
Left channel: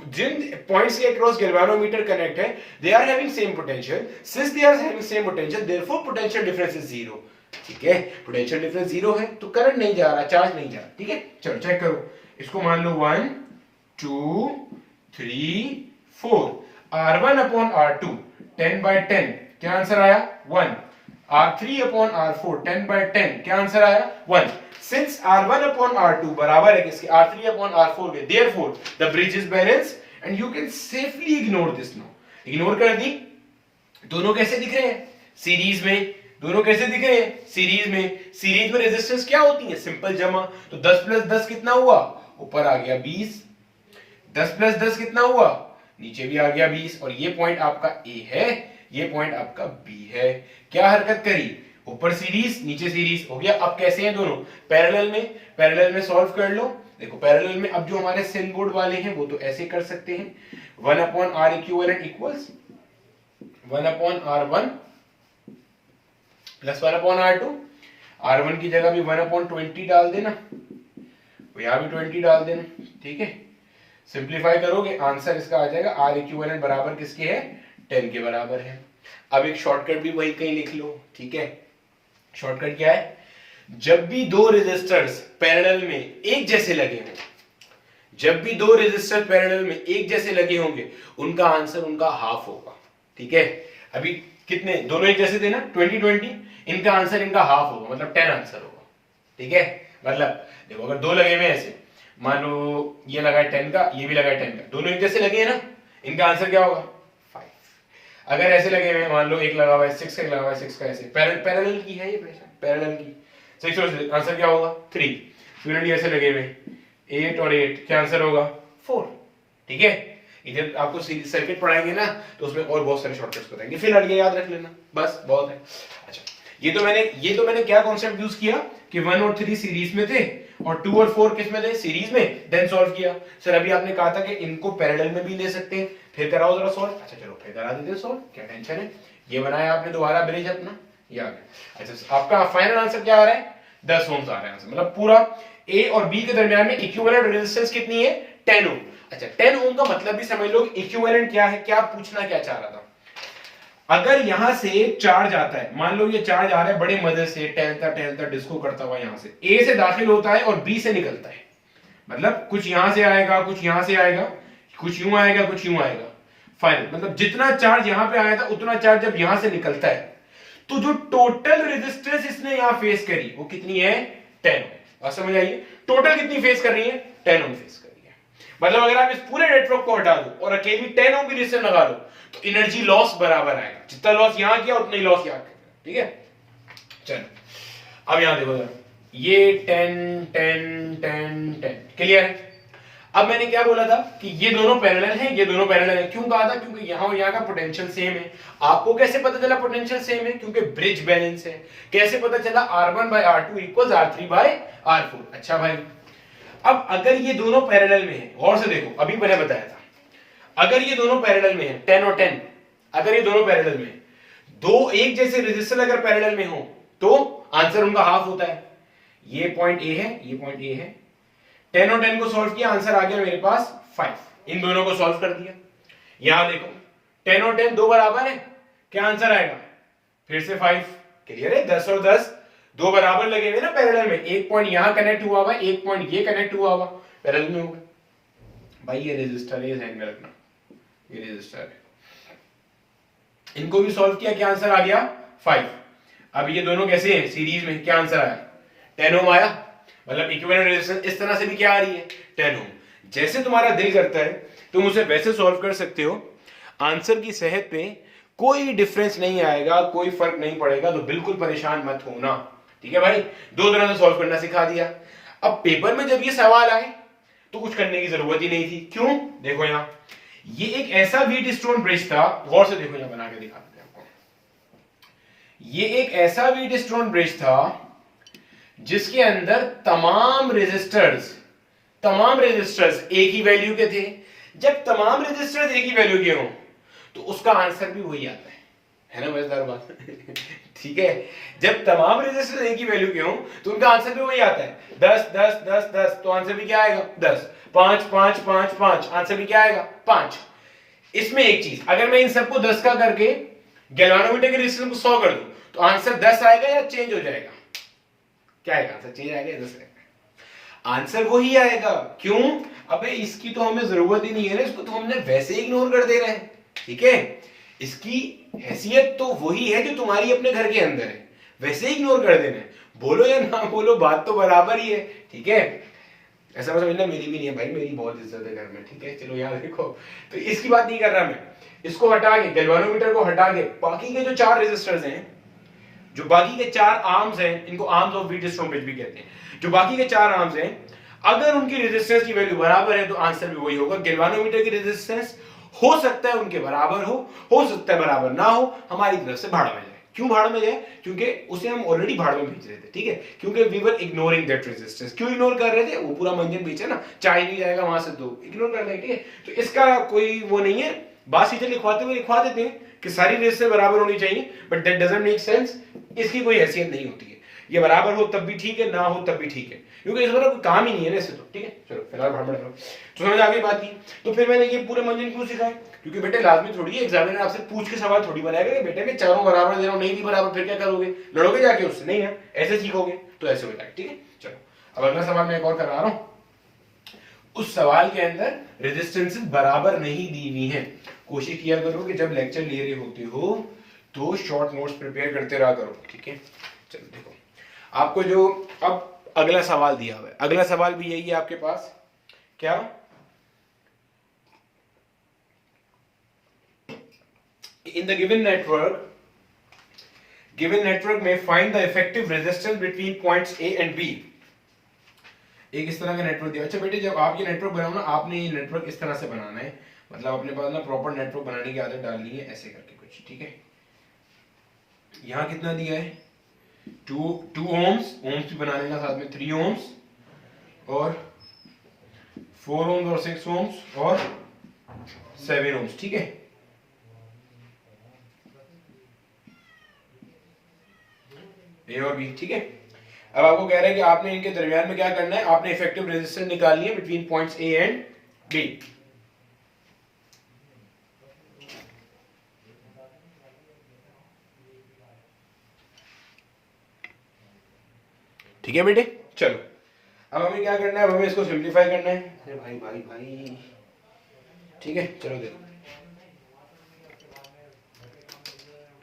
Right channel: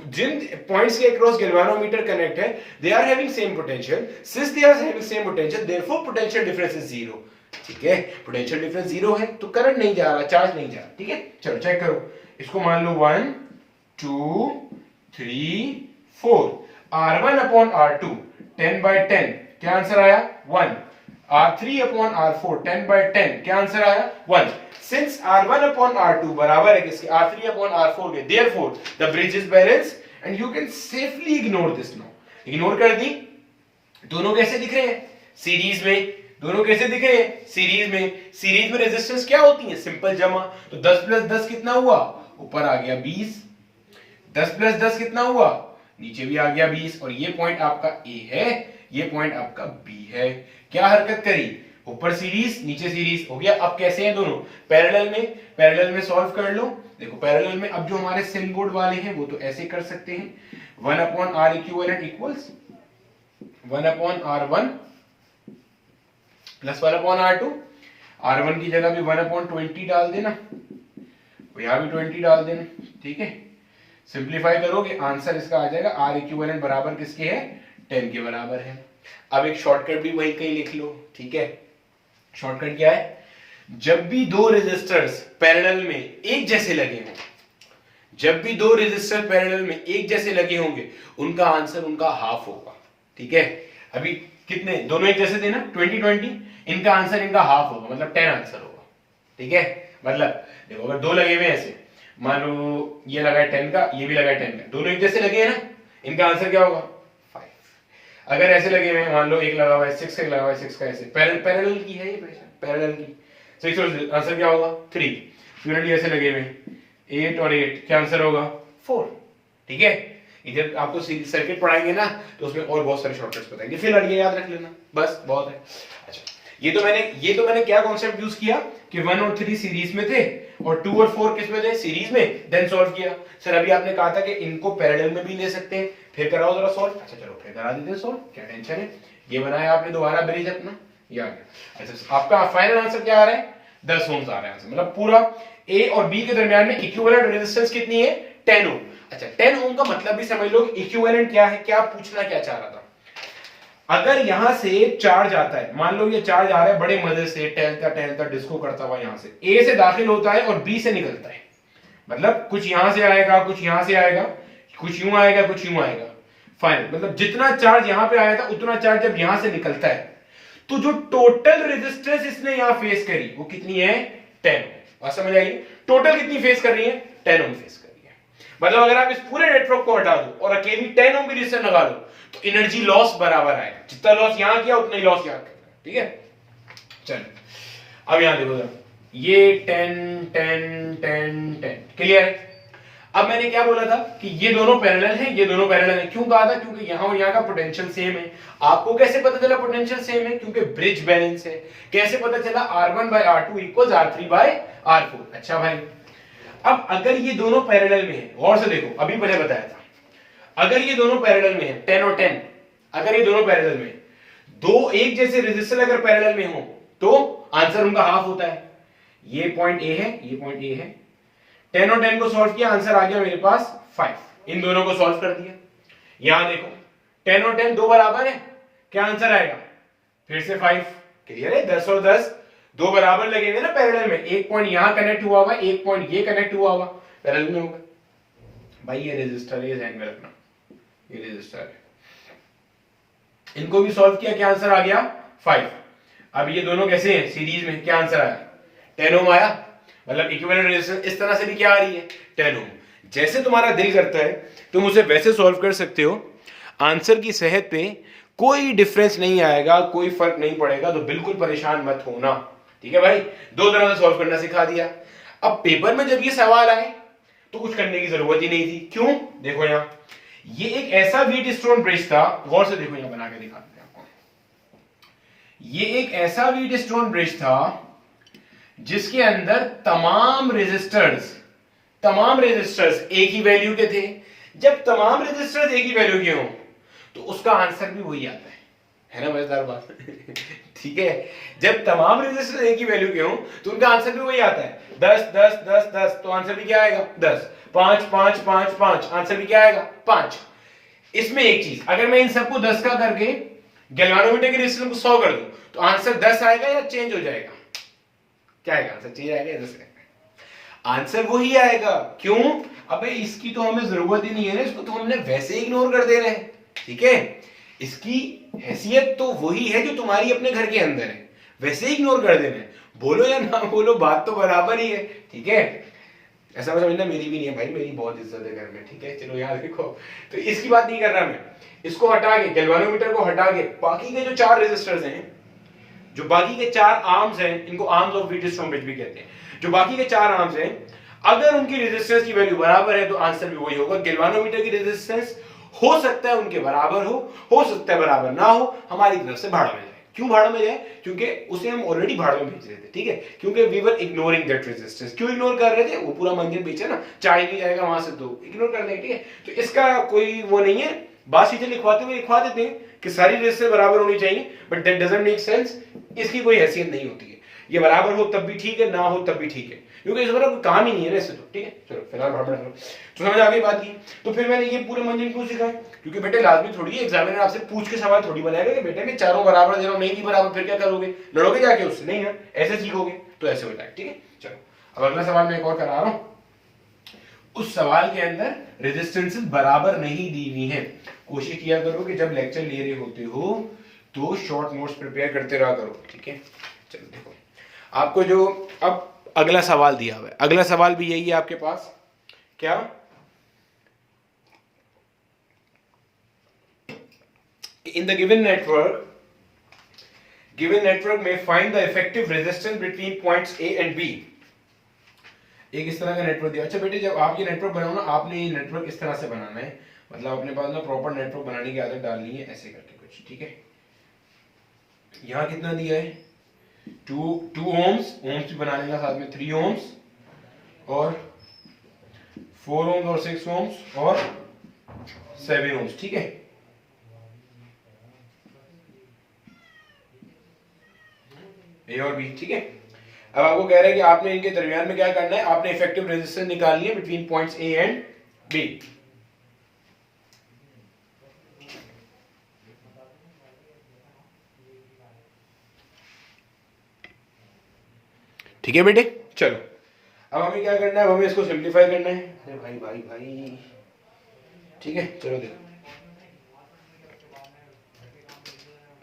जिन पॉइंट्स के अक्रॉस गैल्वानोमीटर कनेक्ट है they are having same potential, since they are having same potential therefore potential difference is zero. ठीक है, पोटेंशियल डिफरेंस जीरो है तो करंट नहीं जा रहा, चार्ज नहीं जा रहा। ठीक है, चलो चेक करो इसको, मान लो 1 2 3 4 R1 upon R2 10/10, क्या आंसर आया? 1। R3 upon R4 10/10, क्या आंसर आया? 1। Since R1 upon R2 बराबर है किसके? R3 upon R4 के, therefore the bridge is balanced and you can safely ignore this now। Ignore कर दी। दोनों कैसे दिख रहे हैं? सीरीज में। दोनों कैसे दिख रहे हैं? सीरीज में। सीरीज में रेजिस्टेंस क्या होती है? सिंपल जमा। तो 10 प्लस 10 कितना हुआ? ऊपर आ गया 20। 10 प्लस 10 कितना हुआ? नीचे भी आ गया 20। और ये पॉइंट आपका ए है, ये पॉइंट आपका बी है। क्या हरकत करी? ऊपर सीरीज नीचे सीरीज हो गया। अब कैसे हैं दोनों? पैरेलल में। पैरेलल में सॉल्व कर लो। देखो पैरेलल में अब जो हमारे सेल बोर्ड वाले हैं वो तो ऐसे कर सकते हैं, 1 upon R equivalent equals 1 upon R1 plus 1 upon R2। R1 की जगह भी 1 अपॉन 20 डाल देना, यहां भी 20 डाल देना। ठीक है, सिंप्लीफाई करोगे आंसर इसका आ जाएगा आर इक्विवेलेंट बराबर किसके है? 10 के बराबर है। अब एक शॉर्टकट भी वही कहीं लिख लो। ठीक है, शॉर्टकट क्या है? जब भी दो रेजिस्टर्स पैरेलल में एक जैसे लगे हों, जब भी दो रेजिस्टर पैरेलल में एक जैसे लगे होंगे उनका आंसर उनका हाफ होगा। ठीक है, अभी कितने दोनों एक जैसे थे ना, 20-20, इनका आंसर इनका हाफ होगा, मतलब 10 आंसर होगा। ठीक है, मतलब देखो अगर दो लगे हुए ऐसे, मान लो ये लगा है 10 का, ये भी लगा है 10 का, दोनों एक जैसे लगे हैं ना, इनका आंसर क्या होगा? 5। अगर ऐसे लगे हुए मान लो एक लगा हुआ है 6 का, एक लगा हुआ है 6 का, ऐसे पैरेलल की है ये पैरेलल की 6 और आंसर क्या होगा? 3। सिमिलरली ऐसे लगे हुए 8 और 8, क्या आंसर होगा? 4। ठीक है, इधर आपको सर्किट पढ़ाएंगे ना तो उसमें और बहुत सारे शॉर्टकट्स बताएंगे, फिलहाल ये याद रख लेना बस, बहुत है। अच्छा, ये तो मैंने क्या कॉन्सेप्ट यूज किया कि 1 और 3 सीरीज में थे और 2 और 4 किस में थे? सीरीज में, देन सॉल्व किया। सर अभी आपने कहा था कि इनको पैरेलल में भी ले सकते हैं, फिर कराओ जरा सॉल्व। अच्छा चलो फिर करा देते हैं सॉल्व, क्या टेंशन है। ये बनाया आपने दोबारा ब्रिज अपना, ये आ गया। अच्छा आपका फाइनल आंसर क्या आ रहा है? 10 ओम्स आ रहा है आंसर, मतलब पूरा ए और बी के दरमियान में इक्विवेलेंट रेजिस्टेंस कितनी है? 10 ओम। अच्छा 10 ओम का मतलब भी समझ लो, इक्विवेलेंट क्या है, क्या पूछना क्या चाह रहा था। अगर यहां से चार्ज आता है, मान लो ये चार्ज आ रहा है बड़े मजे से, टहलता डिस्को करता हुआ यहां से ए से दाखिल होता है और बी से निकलता है, मतलब कुछ यहां से आएगा, कुछ यहां से आएगा, कुछ यूं आएगा, कुछ यूं आएगा। फाइनल मतलब जितना चार्ज यहां पे आया था उतना चार्ज जब यहां से निकलता है तो जो टोटल रेजिस्टेंस इसने यहां फेस करी वो कितनी है? 10 ओम। बात समझ आइए, टोटल कितनी फेस कर रही है? 10 ओम फेस कर रही है। मतलब अगर आप इस पूरे नेटवर्क को हटा दो और अकेली 10 ओम की रेजिस्टेंस लगा लो तो एनर्जी लॉस बराबर आएगा, जितना लॉस यहां किया उतना ही लॉस यहां करना। ठीक है, चलो अब यहां देखो जरा, ये 10 क्लियर है। अब मैंने क्या बोला था कि ये दोनों पैरेलल हैं, ये दोनों पैरेलल हैं। क्यों कहा था? क्योंकि यहां और यहां का पोटेंशियल सेम है। आपको कैसे पता चला पोटेंशियल सेम है? क्योंकि ब्रिज बैलेंस है। कैसे पता चला? R1/R2 equals R3/R4। अच्छा भाई, अब अगर ये दोनों पैरेलल में है, गौर से देखो, अभी मैंने बताया था अगर ये दोनों पैरेलल में है 10 और 10, अगर ये दोनों पैरेलल में, दो एक जैसे रेजिस्टर अगर पैरेलल में हो तो आंसर उनका हाफ होता है। ये पॉइंट ए है, ये पॉइंट ए है। 10 और 10 को सॉल्व किया, आंसर आ गया मेरे पास 5। इन दोनों को सॉल्व कर दिया। यहां देखो 10 और 10 दो बराबर है, क्या आंसर आएगा? फिर से 5। क्लियर है? 10 और 10 दो बराबर लगे हुए ना पैरेलल में, एक पॉइंट यहां कनेक्ट हुआ हुआ, एक पॉइंट ये कनेक्ट हुआ हुआ, पैरेलल में होगा। भाई ये रेजिस्टर है, ध्यान में रखना, ये रेजिस्टर है। इनको भी सॉल्व किया, क्या आंसर आ गया? 5। अब ये दोनों कैसे हैं? सीरीज में, क्या आंसर आया? 10 ओम आया। मतलब इक्विवेलेंट रेजिस्टेंस इस तरह से भी क्या आ रही है 10 ओम। जैसे तुम्हारा दिल करता है तुम उसे वैसे सॉल्व कर सकते हो, आंसर की सेहत पे कोई डिफरेंस नहीं आएगा, कोई फर्क नहीं पड़ेगा, तो बिल्कुल परेशान मत होना। ठीक है भाई, दो तरह से सॉल्व करना सिखा दिया। अब पेपर में जब ये सवाल आए तो कुछ करने की जरूरत ही नहीं थी। क्यों? देखो यहां ये एक ऐसा व्हीट स्टोन ब्रिज था, गौर से देखो, यहां बना के दिखा देते हैं आपको। ये एक ऐसा व्हीट स्टोन ब्रिज था जिसके अंदर तमाम रेजिस्टर्स एक ही वैल्यू के थे। जब तमाम रेजिस्टर्स एक ही वैल्यू के हों तो उसका आंसर भी वही आता है ना मजेदार बात। ठीक है, जब तमाम रेजिस्टर्स एक ही वैल्यू के हों तो उनका आंसर भी वही आता है। 10 10 10 10 तो आंसर भी क्या आएगा 10। 5 5 5 5 आंसर भी क्या आएगा 5। इसमें एक चीज, अगर मैं इन सबको 10 का करके गैल्वेनोमीटर के रेजिस्टेंस को 100 कर दूं तो आंसर 10 आएगा या चेंज हो जाएगा? क्या आएगा आंसर? चेंज आएगा या 10 आएगा? आंसर वही आएगा। क्यों? अबे इसकी तो हमें जरूरत ही नहीं है ना, इसको तो हमने वैसे ही इग्नोर कर दे रहे हैं। ठीक है, इसकी हैसियत तो वही है जो तुम्हारी अपने घर के अंदर है, वैसे ही इग्नोर कर देना है। बोलो या ना बोलो बात तो बराबर ही है। ठीक है, ऐसा मतलब समझना मेरी भी नहीं है भाई, मेरी बहुत इज्जत है घर में। ठीक है, चलो याद रखो। तो इसकी बात नहीं कर रहा मैं, इसको हटा के गैल्वेनोमीटर को हटा के बाकी के जो 4 रेजिस्टर्स हैं, जो बाकी के 4 आर्म्स हैं, इनको arms of wheat stone bridge भी कहते हैं। जो बाकी के 4 आर्म्स हैं, अगर उनकी रेजिस्टेंस की वैल्यू बराबर है तो आंसर भी वही होगा। गैल्वेनोमीटर की रेजिस्टेंस हो सकता है उनके बराबर हो सकता है बराबर ना हो, हमारी तरफ से भाड़ में जाए। क्यों भाड़ में जाए? क्योंकि उसे हम ऑलरेडी भाड़ में भेज रहे थे। ठीक है, क्योंकि we were ignoring that resistance. क्यों इग्नोर कर रहे थे? वो पूरा मंजन बेचे ना, चाय नहीं जाएगा वहां से, तो इग्नोर कर रहे हैं। ठीक है, तो इसका कोई वो नहीं है। बात सीधे लिखवाते हुए लिखवा देते हैं कि सारी रेजिस्टेंस बराबर होनी चाहिए, but that doesn't make sense. इसकी कोई हैसियत नहीं होती है। ये बराबर हो तब भी ठीक है, ना हो तब भी ठीक है, क्योंकि इस बार कोई काम ही नहीं है ना इससे। तो ठीक है, चलो फिलहाल भाड़ में तो समझ आ गई बात की। तो फिर मैंने ये पूरे मंजन क्यों सिखाए? क्योंकि बेटे लाजमी थोड़ी है, एग्जामिनर आपसे पूछ के सवाल थोड़ी बनाएगा कि बेटे मैं चारों बराबर दे रहा हूं, नहीं भी बराबर, फिर क्या करोगे? लड़ोगे जाके उससे? नहीं ना, ऐसे सीखोगे। तो ऐसे होता है। ठीक है, चलो अब अगला सवाल मैं एक और करा रहा हूं। उस सवाल के अंदर रेजिस्टेंसेस बराबर नहीं दी हुई है। कोशिश किया करो कि जब लेक्चर ले रहे होते हो तो शॉर्ट नोट्स प्रिपेयर करते रहा करो। ठीक है, चलो देखो आपको जो अब अगला सवाल दिया हुआ है, अगला सवाल भी यही है आपके पास। क्या? In the given network में find the effective resistance between points A and B। एक इस तरह का नेटवर्क दिया। अच्छा बेटे, जब आप ये नेटवर्क बनाओ ना, आपने ये नेटवर्क इस तरह से बनाना है, मतलब अपने पास ना प्रॉपर नेटवर्क बनाने की आदत डालनी है, ऐसे करके कुछ। ठीक है, यहां कितना दिया है? 2 ओम्स भी बना लेना, साथ में 3 ओम्स और 4 ओम्स और 6 ओम्स और 7 ओम्स। ठीक है, ए और बी। ठीक है, अब आपको कह रहा है कि आपने इनके दरमियान में क्या करना है, आपने इफेक्टिव रेजिस्टेंस निकालनी है between points A and B. ठीक है बेटे, चलो अब हमें क्या करना है, हमें इसको सिंप्लीफाई करना है। अरे भाई भाई भाई, ठीक है, चलो देखो,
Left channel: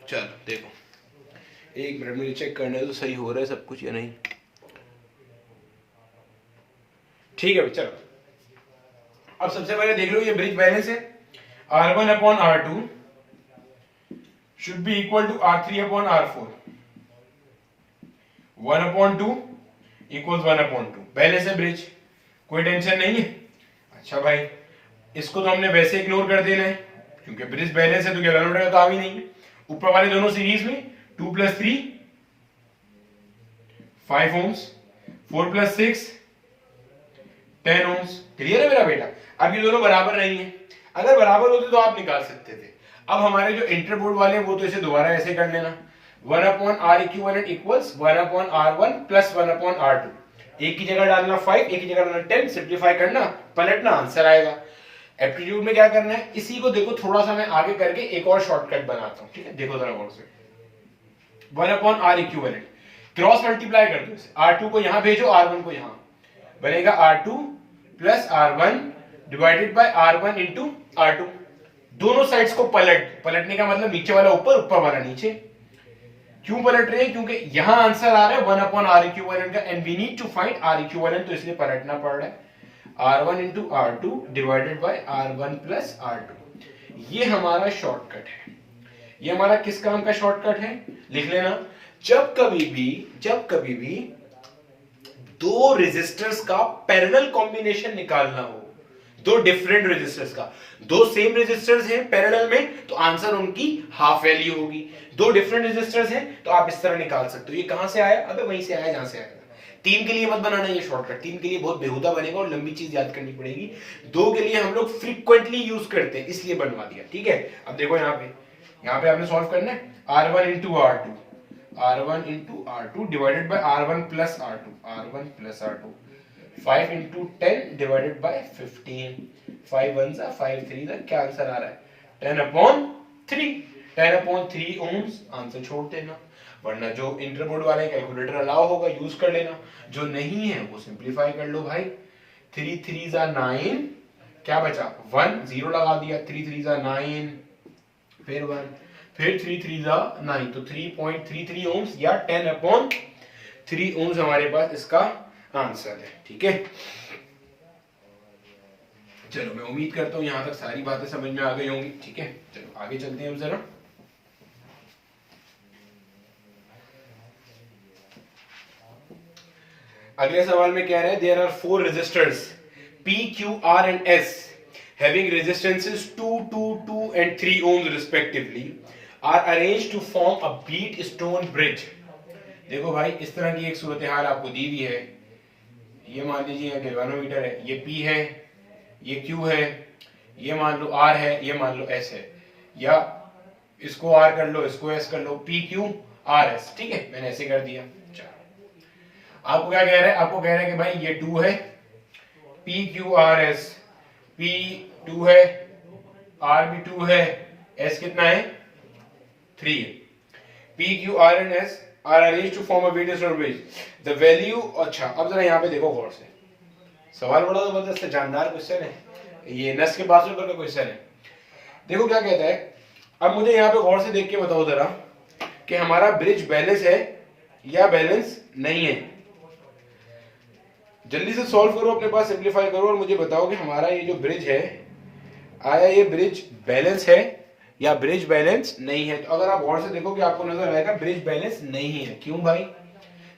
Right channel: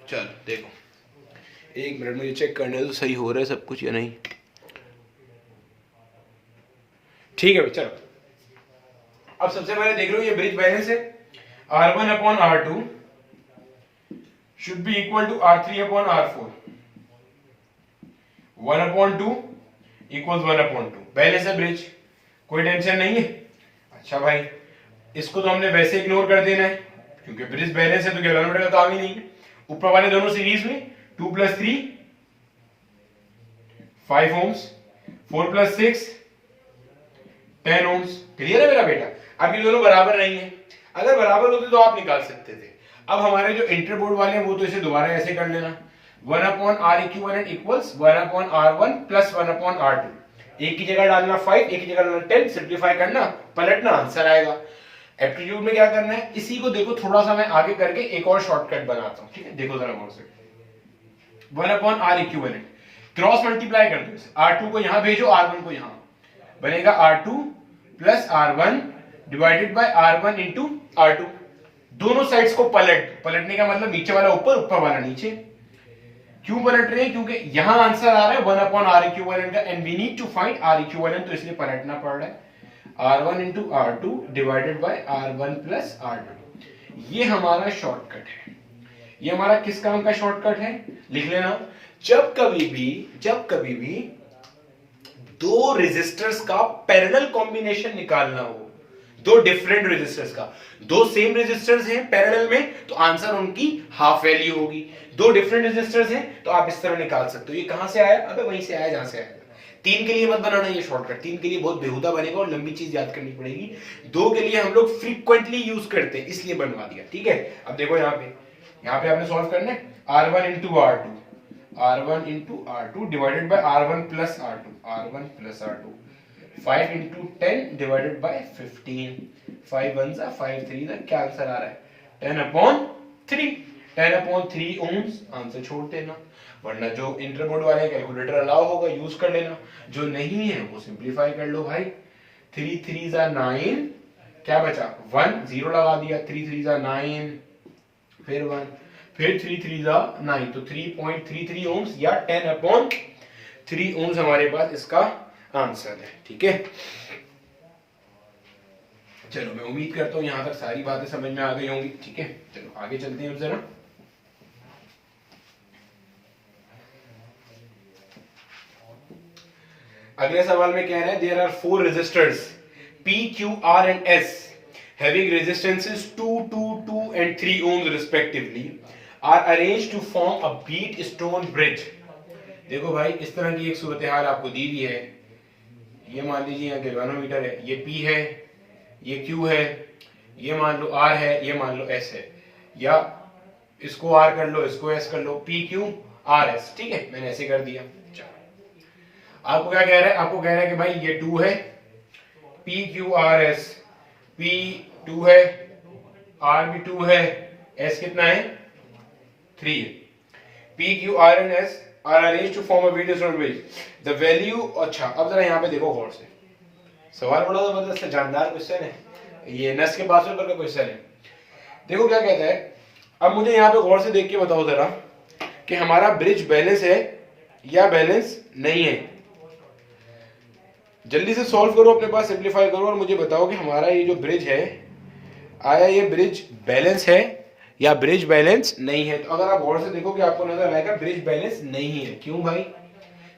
चलो देखो, एक मिनट मुझे चेक करने दो सही हो रहा है सब कुछ या नहीं। ठीक है, चलो अब सबसे पहले देख लो, ये ब्रिज बैलेंस है। R1 upon R2 should be equal to R3 upon R4। 1 upon 2 equals 1 upon 2। Balance है ब्रिज, कोई टेंशन नहीं है। अच्छा भाई, इसको तो हमने वैसे इग्नोर कर देना है क्योंकि ब्रिज बैलेंस है, तो गैल्वेनोमीटर का काम ही नहीं है। ऊपर वाले दोनों सीरीज में 2 + 3 5 ओम्स, 4 + 6 10 ओम्स। क्लियर है मेरा बेटा? अब ये दोनों बराबर नहीं है। अगर बराबर होते तो आप निकाल सकते थे। अब हमारे जो इंटरबोर्ड वाले हैं वो तो इसे दोबारा ऐसे कर लेना, 1 upon R equivalent equals 1 upon R1 plus 1 upon R2। एक की जगह डालना 5, एक की जगह डालना 10, सिंप्लीफाई करना, पलटना, आंसर आएगा। एप्टीट्यूड में क्या करना है, इसी को देखो थोड़ा सा मैं आगे करके एक और शॉर्टकट बनाता हूं। ठीक है, देखो जरा गौर से। 1 upon R equivalent cross multiply कर दो इसे, R2 को यहां भेजो, R1 को यहां, बनेगा R2 plus R1 divided by R1 into R2। दोनों साइड्स को पलटने का मतलब नीचे वाला ऊपर, ऊपर वाला नीचे। क्यों पलट रहे हैं? क्योंकि यहां आंसर आ रहा है 1 अपॉन आर इक्विवेलेंट का, and we need to find R equivalent, तो इसलिए पलटना पड़ रहा है। R1 into R2 divided by R1 plus R2, ये हमारा शॉर्टकट है। ये हमारा किस काम का शॉर्टकट है? लिख लेना, जब कभी भी दो रेजिस्टर्स का पैरेलल कॉम्बिनेशन निकालना हो, दो डिफरेंट रेजिस्टर्स का, दो सेम रेजिस्टर्स हैं पैरेलल में, तो आंसर उनकी हाफ वैल्यू होगी। दो डिफरेंट रेजिस्टर्स हैं तो आप इस तरह निकाल सकते हो। ये कहां से आया? अबे वहीं से आया जहां से आया। 3 के लिए मत बनाना ये शॉर्टकट, 3 के लिए बहुत बेहुदा बनेगा और लंबी चीज याद करनी पड़ेगी। 2 के लिए हम लोग फ्रीक्वेंटली यूज करते हैं, इसलिए बनवा दिया, ठीक है। अब देखो यहाँ पे आपने सॉल्व करना है, R1 into R2 divided by R1 plus R2, 5 into 10 divided by 15, 5 1 जा 5 3 जा, क्या आंसर आ रहा है? 10 अपॉन 3 ओम्स। आंसर छोड़ देना, वरना जो इंटरबोर्ड वाले कैलकुलेटर अलाउ होगा यूज कर लेना, जो नहीं है वो सिंपलीफाई कर लो भाई। 3 3 जा 9, क्या बचा? 1, 0 लगा दिया, 3 3 जा 9, फिर 1, फिर 3 3 जा 9, तो 3.33 ओम्स या 10 अपॉन 3 ओम्स हमारे पास इसका आंसर है, ठीक है। चलो मैं उम्मीद करता हूं यहां तक सारी बातें समझ में आ गई होंगी, ठीक है। चलो आगे चलते हैं हम जरा। अगले सवाल में कह रहा है, there are 4 resistors P, Q, R and S having resistances 2, 2, 2 and 3 ohms respectively are arranged to form a beat stone bridge। देखो भाई, इस तरह की एक सूरत हाल आपको दी हुई है। ये मान लीजिए यहाँ गैल्वेनोमीटर है, ये P है, ये Q है, ये मान लो R है, ये मान लो S है, या इसको R कर लो, इसको S कर लो, P Q R S, ठीक है, मैंने ऐसे कर दिया। आपको क्या कह रहा है? आपको कह रहा है कि भाई ये 2 है, P Q R S, P 2 है, R भी 2 है, S कितना है? 3 है। P Q R and S are arranged to form a beat stone bridge. The value, अच्छा अब जरा यहाँ पे देखो गौर से, सवाल बड़ा जबरदस्त है, जानदार क्वेश्चन है, ये नस के बाजू पर का क्वेश्चन है। देखो क्या कहता है, अब मुझे यहाँ पे गौर से देख के बताओ जरा कि हमारा ब्रिज बैलेंस है या बैलेंस नहीं है। जल्दी से सॉल्व करो, अपने पास सिंपलीफाई करो और मुझे बताओ कि हमारा ये जो ब्रिज है, आया ये ब्रिज बैलेंस है या ब्रिज बैलेंस नहीं है। तो अगर आप गौर से देखोगे आपको नजर आएगा ब्रिज बैलेंस नहीं है। क्यों भाई?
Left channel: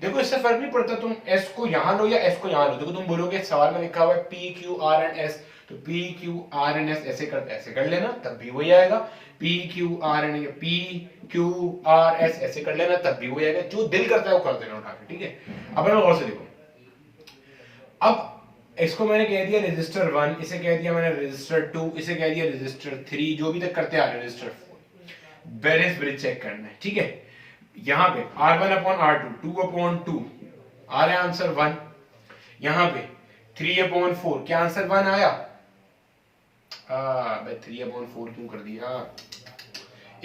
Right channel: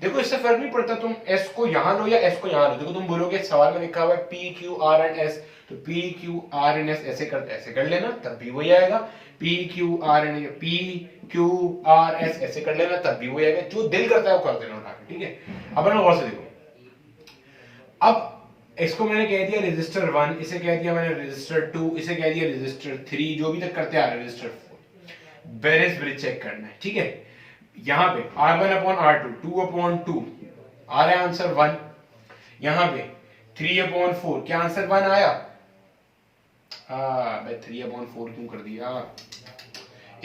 देखो इससे फर्क नहीं पड़ता तुम S को यहां लो या S को यहां लो। देखो तुम बोलोगे सवाल में लिखा हुआ है P Q R and S, तो P Q R and S ऐसे कर लेना, तब भी वही आएगा। P Q R and P Q R S ऐसे कर लेना, तब भी वही आएगा। जो दिल करता है वो कर देना उठा के, ठीक है। अब गौर से देखो, अब इसको मैंने कह दिया रेजिस्टर 1, इसे कह दिया मैंने रेजिस्टर 2, इसे कह दिया रेजिस्टर 3, जो भी तक करते आ रहे हैं रेजिस्टर 4। बैलेंस ब्रिज चेक करना है, ठीक है। यहां पे R1 अपॉन R2, 2 अपॉन 2 आ रहा है आंसर 1। यहां पे 3 अपॉन 4, क्या आंसर 1 आया? मैं 3 अपॉन 4 क्यों कर दिया?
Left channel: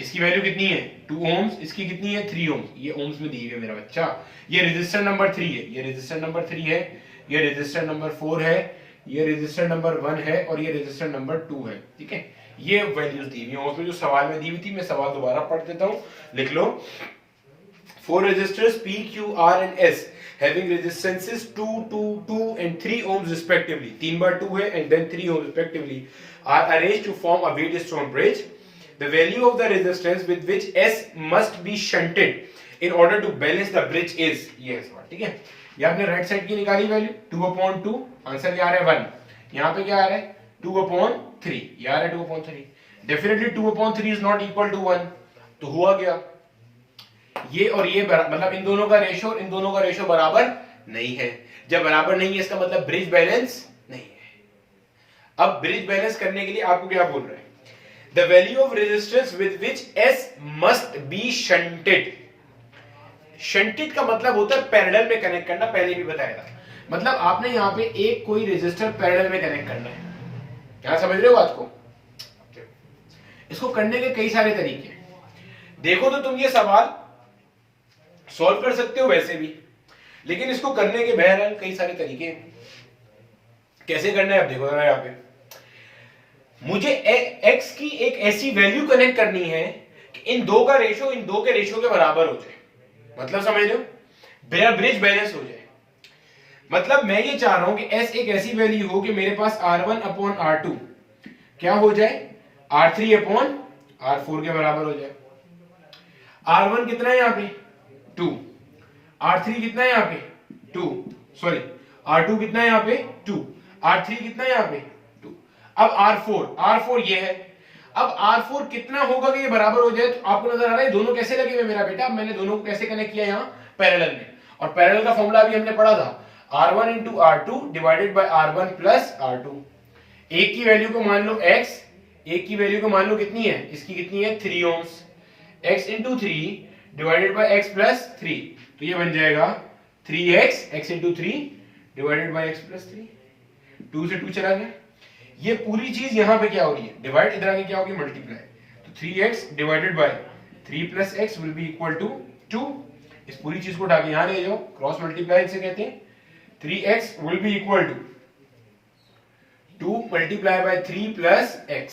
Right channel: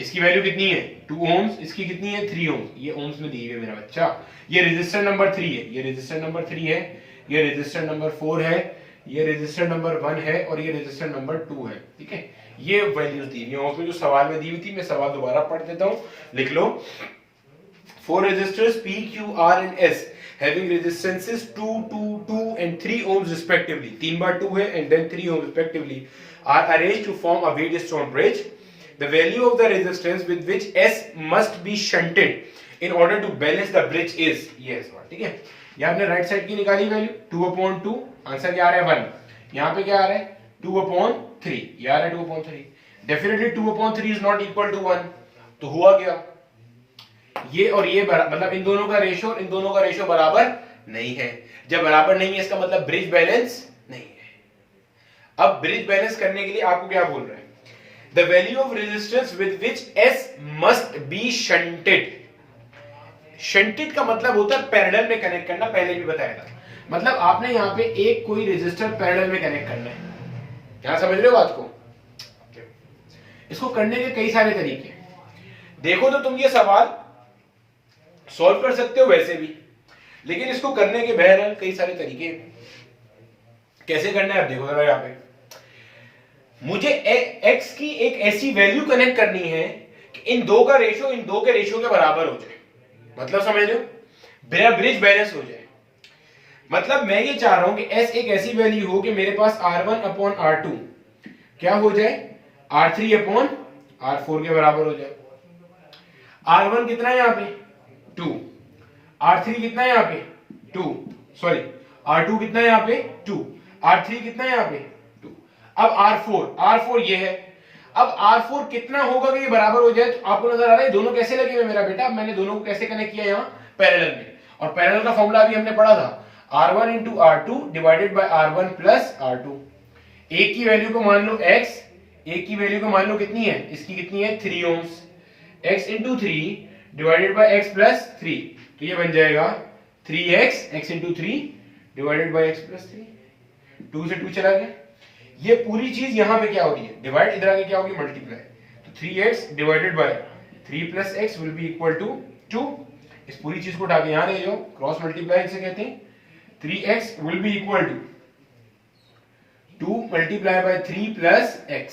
इसकी वैल्यू कितनी है? 2 ओम्स, इसकी कितनी है? 3 ओम्स। ये ओम्स में दी हुई है मेरा बच्चा। ये रेजिस्टर नंबर 3 है, ये रेजिस्टर नंबर 3 है, ये रेजिस्टर नंबर 4 है, ये रेजिस्टर नंबर 1 है और ये रेजिस्टर नंबर 2 है, ठीक है। ये वैल्यूज दी हुई है जो सवाल में दी हुई थी। मैं सवाल दोबारा पढ़ देता हूं, लिख लो। 4 resistors P, Q, R and S having resistances 2, 2, 2 and 3 ohms respectively, 3 बार 2 है and then 3 ohms respectively, are arranged to form a wheatstone bridge. The value of the resistance with which S must be shunted in order to balance the bridge is, ये सवाल, ठीक है। ये आपने right side की निकाली value 2 upon 2, answer क्या आ रहा है 1। यहाँ पे क्या आ रहा है 2 अपॉन 3, ये आ रहा है 2 upon 3। Definitely 2 upon 3 is not equal to 1, तो हुआ क्या, ये और ये मतलब इन दोनों का रेशियो और इन दोनों का रेशियो बराबर नहीं है। जब बराबर नहीं है इसका मतलब ब्रिज बैलेंस नहीं है। अब ब्रिज बैलेंस करने के लिए आपको क्या बोल रहा है? The value of resistance with which S must be shunted. Shunted का मतलब होता है पैरेलल में कनेक्ट करना, पहले भी बताया था। मतलब आपने यहां पे एक कोई रेजिस्टर पैरेलल में कनेक्ट करना है। यहां समझ रहे हो बात को? इसको करने के कई सारे तरीके देखो, तो तुम ये सवाल सॉल्व कर सकते हो वैसे भी, लेकिन इसको करने के बहरहाल कई सारे तरीके हैं। कैसे करना है अब देखो जरा। यहां पे मुझे x की एक ऐसी वैल्यू कनेक्ट करनी है कि इन दो का रेशियो इन दो के रेशियो के बराबर हो जाए। मतलब समझ रहे हो, मेरा ब्रिज बैलेंस हो जाए। मतलब मैं ये चाह रहा हूं कि S एक ऐसी वैल्यू हो कि मेरे पास R1 अपॉन R2 क्या हो जाए, R3 अपॉन R4 के बराबर हो जाए। R1 कितना है यहाँ पे 2, R3 कितना है यहाँ पे 2, सॉरी R2 कितना है यहाँ पे 2, R3 कितना है यहाँ पे 2। अब R4 ये है। अब R4 कितना होगा कि ये बराबर हो जाए। तो आपको नजर आ रहा है दोनों कैसे लगे हुए मेरा बेटा। मैंने दोनों को कैसे कनेक्ट किया यहाँ पैरेलल में, और पैरेलल का फॉर्मूला अभी हमने पढ़ा था R1 into R2 divided by R1 plus R2। एक की वैल्यू को मान लो x, एक की वैल्यू को मान लो कितनी है, इसकी कितनी है 3 ohms, x into 3 divided by x plus 3। तो ये बन जाएगा 3x, x into 3 divided by x plus 3। 2 से 2 चला गया। ये पूरी चीज यहां पे क्या हो रही है, डिवाइड, इधर आगे क्या होगी मल्टीप्लाई। तो 3x divided by 3 plus x will be equal to 2। इस पूरी चीज को उठा के यहां ले जाओ, क्रॉस मल्टीप्लाई से कहते हैं। 3x will be equal to 2 multiply by 3 plus x।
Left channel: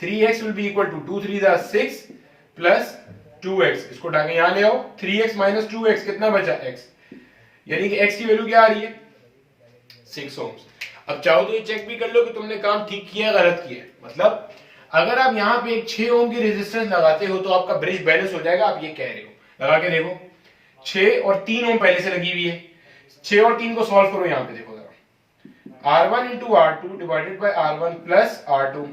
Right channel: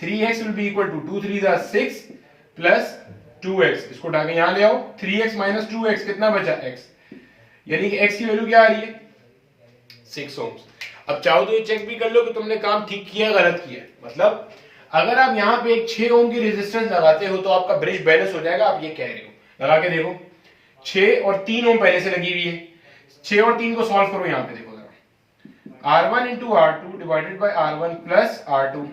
3x will be equal to 2 3 दा 6 प्लस 2x। इसको उठा के यहां ले आओ, 3x माइनस 2x कितना बचा x, यानी कि x की वैल्यू क्या आ रही है 6 ओम्स। अब चाहो तो ये चेक भी कर लो कि तुमने काम ठीक किया गलत किया। मतलब अगर आप यहाँ पे एक 6 ओम की रेजिस्टेंस लगाते हो तो आपका ब्रिज बैलेंस हो जाएगा, आप ये कह रहे हो। लगा के देखो, 6 और 3 ओम पहले से लगी हुई है। 6 और 3 को सॉल्व करो, यहाँ पे देखो जरा, R1 into R2 divided by R1 plus R2,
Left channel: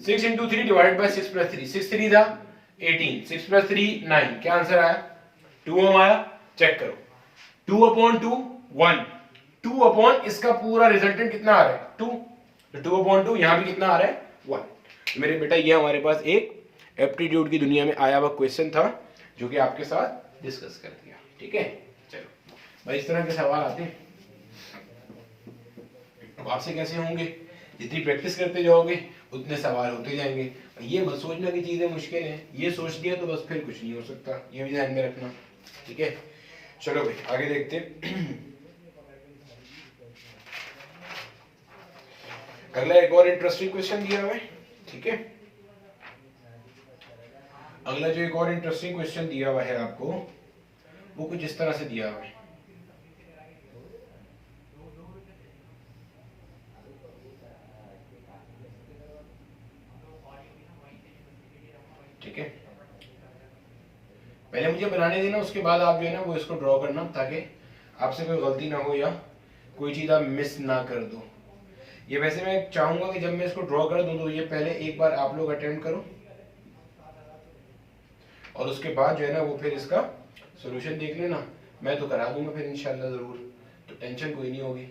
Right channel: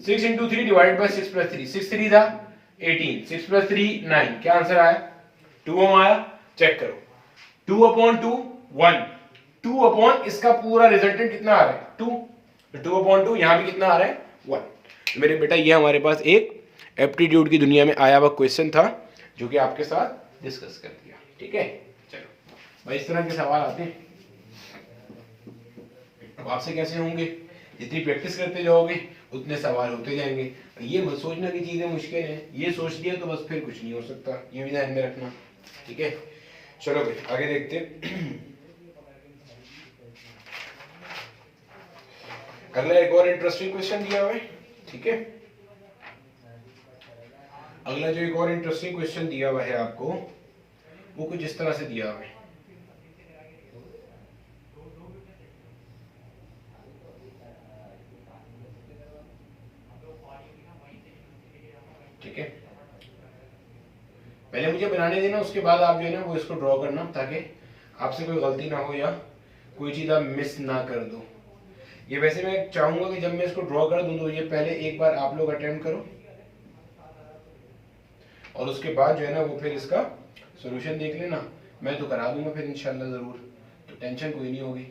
6 into 3 divided bye 6 plus 3, 6 3 था 18, 6 प्लस 3 9। क्या आंसर आया 2 ओम आया। चेक करो 2 अपॉन 2 1, 2 अपॉन इसका पूरा रिजल्टेंट कितना आ रहा है 2, तो 2 अपॉन 2 यहां भी कितना आ रहा है 1। तो मेरे बेटा ये हमारे पास एक एप्टीट्यूड की दुनिया में आया हुआ क्वेश्चन था जो कि आपके साथ डिस्कस कर दिया। ठीक है, चलो भाई इस तरह के सवाल आते हैं। अब आपसे कैसे होंगे, जितनी प्रैक्टिस करते जाओगे उतने सवाल होते जाएंगे। ये मत सोचना कि चीजें मुश्किल हैं, ये सोच दिया तो बस फिर कुछ नहीं हो सकता, ये भी ध्यान में रखना। ठीक है, चलो भाई आगे देखते हैं। अगला एक और इंटरेस्टिंग क्वेश्चन दिया हुआ है। ठीक है, अगला जो एक और इंटरेस्टिंग क्वेश्चन दिया हुआ है आपको, वो कुछ इस तरह से दिया हुआ है। ठीक है, पहले मुझे बनाने देना, उसके बाद आप जो है ना वो इसको ड्रॉ करना, ताकि आपसे कोई गलती ना हो या कोई चीज आप मिस ना कर दो। ये वैसे मैं चाहूंगा कि जब मैं इसको ड्रॉ कर दूं तो ये पहले एक बार आप लोग अटेम्प्ट करो, और उसके बाद जो है ना वो फिर इसका सॉल्यूशन देख लेना। मैं तो करा दूंगा फिर इंशाल्लाह जरूर, तो टेंशन कोई नहीं होगी।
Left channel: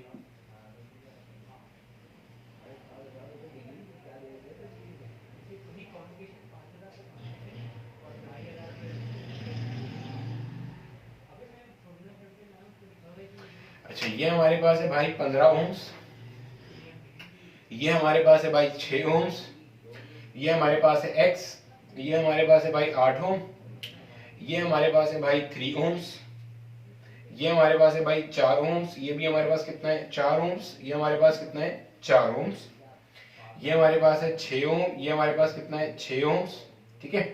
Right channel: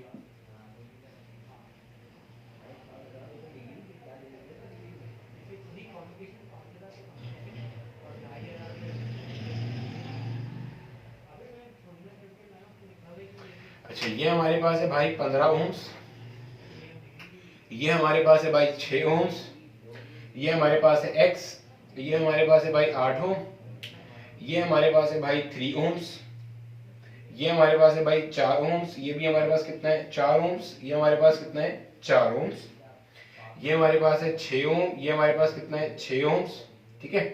अच्छा, ये हमारे पास है भाई 15 ओम्स, ये हमारे पास है भाई 6 ओम्स, ये हमारे पास है x, ये हमारे पास है भाई 8 ओम, ये हमारे पास है भाई 3 ओम्स, ये हमारे पास है भाई 4 ओम्स, ये भी हमारे पास कितना है 4 ओम्स, ये हमारे पास कितना है 4 ओम्स, ये हमारे पास है 6 ओम, ये हमारे पास कितना है 6 ओम्स। ठीक है,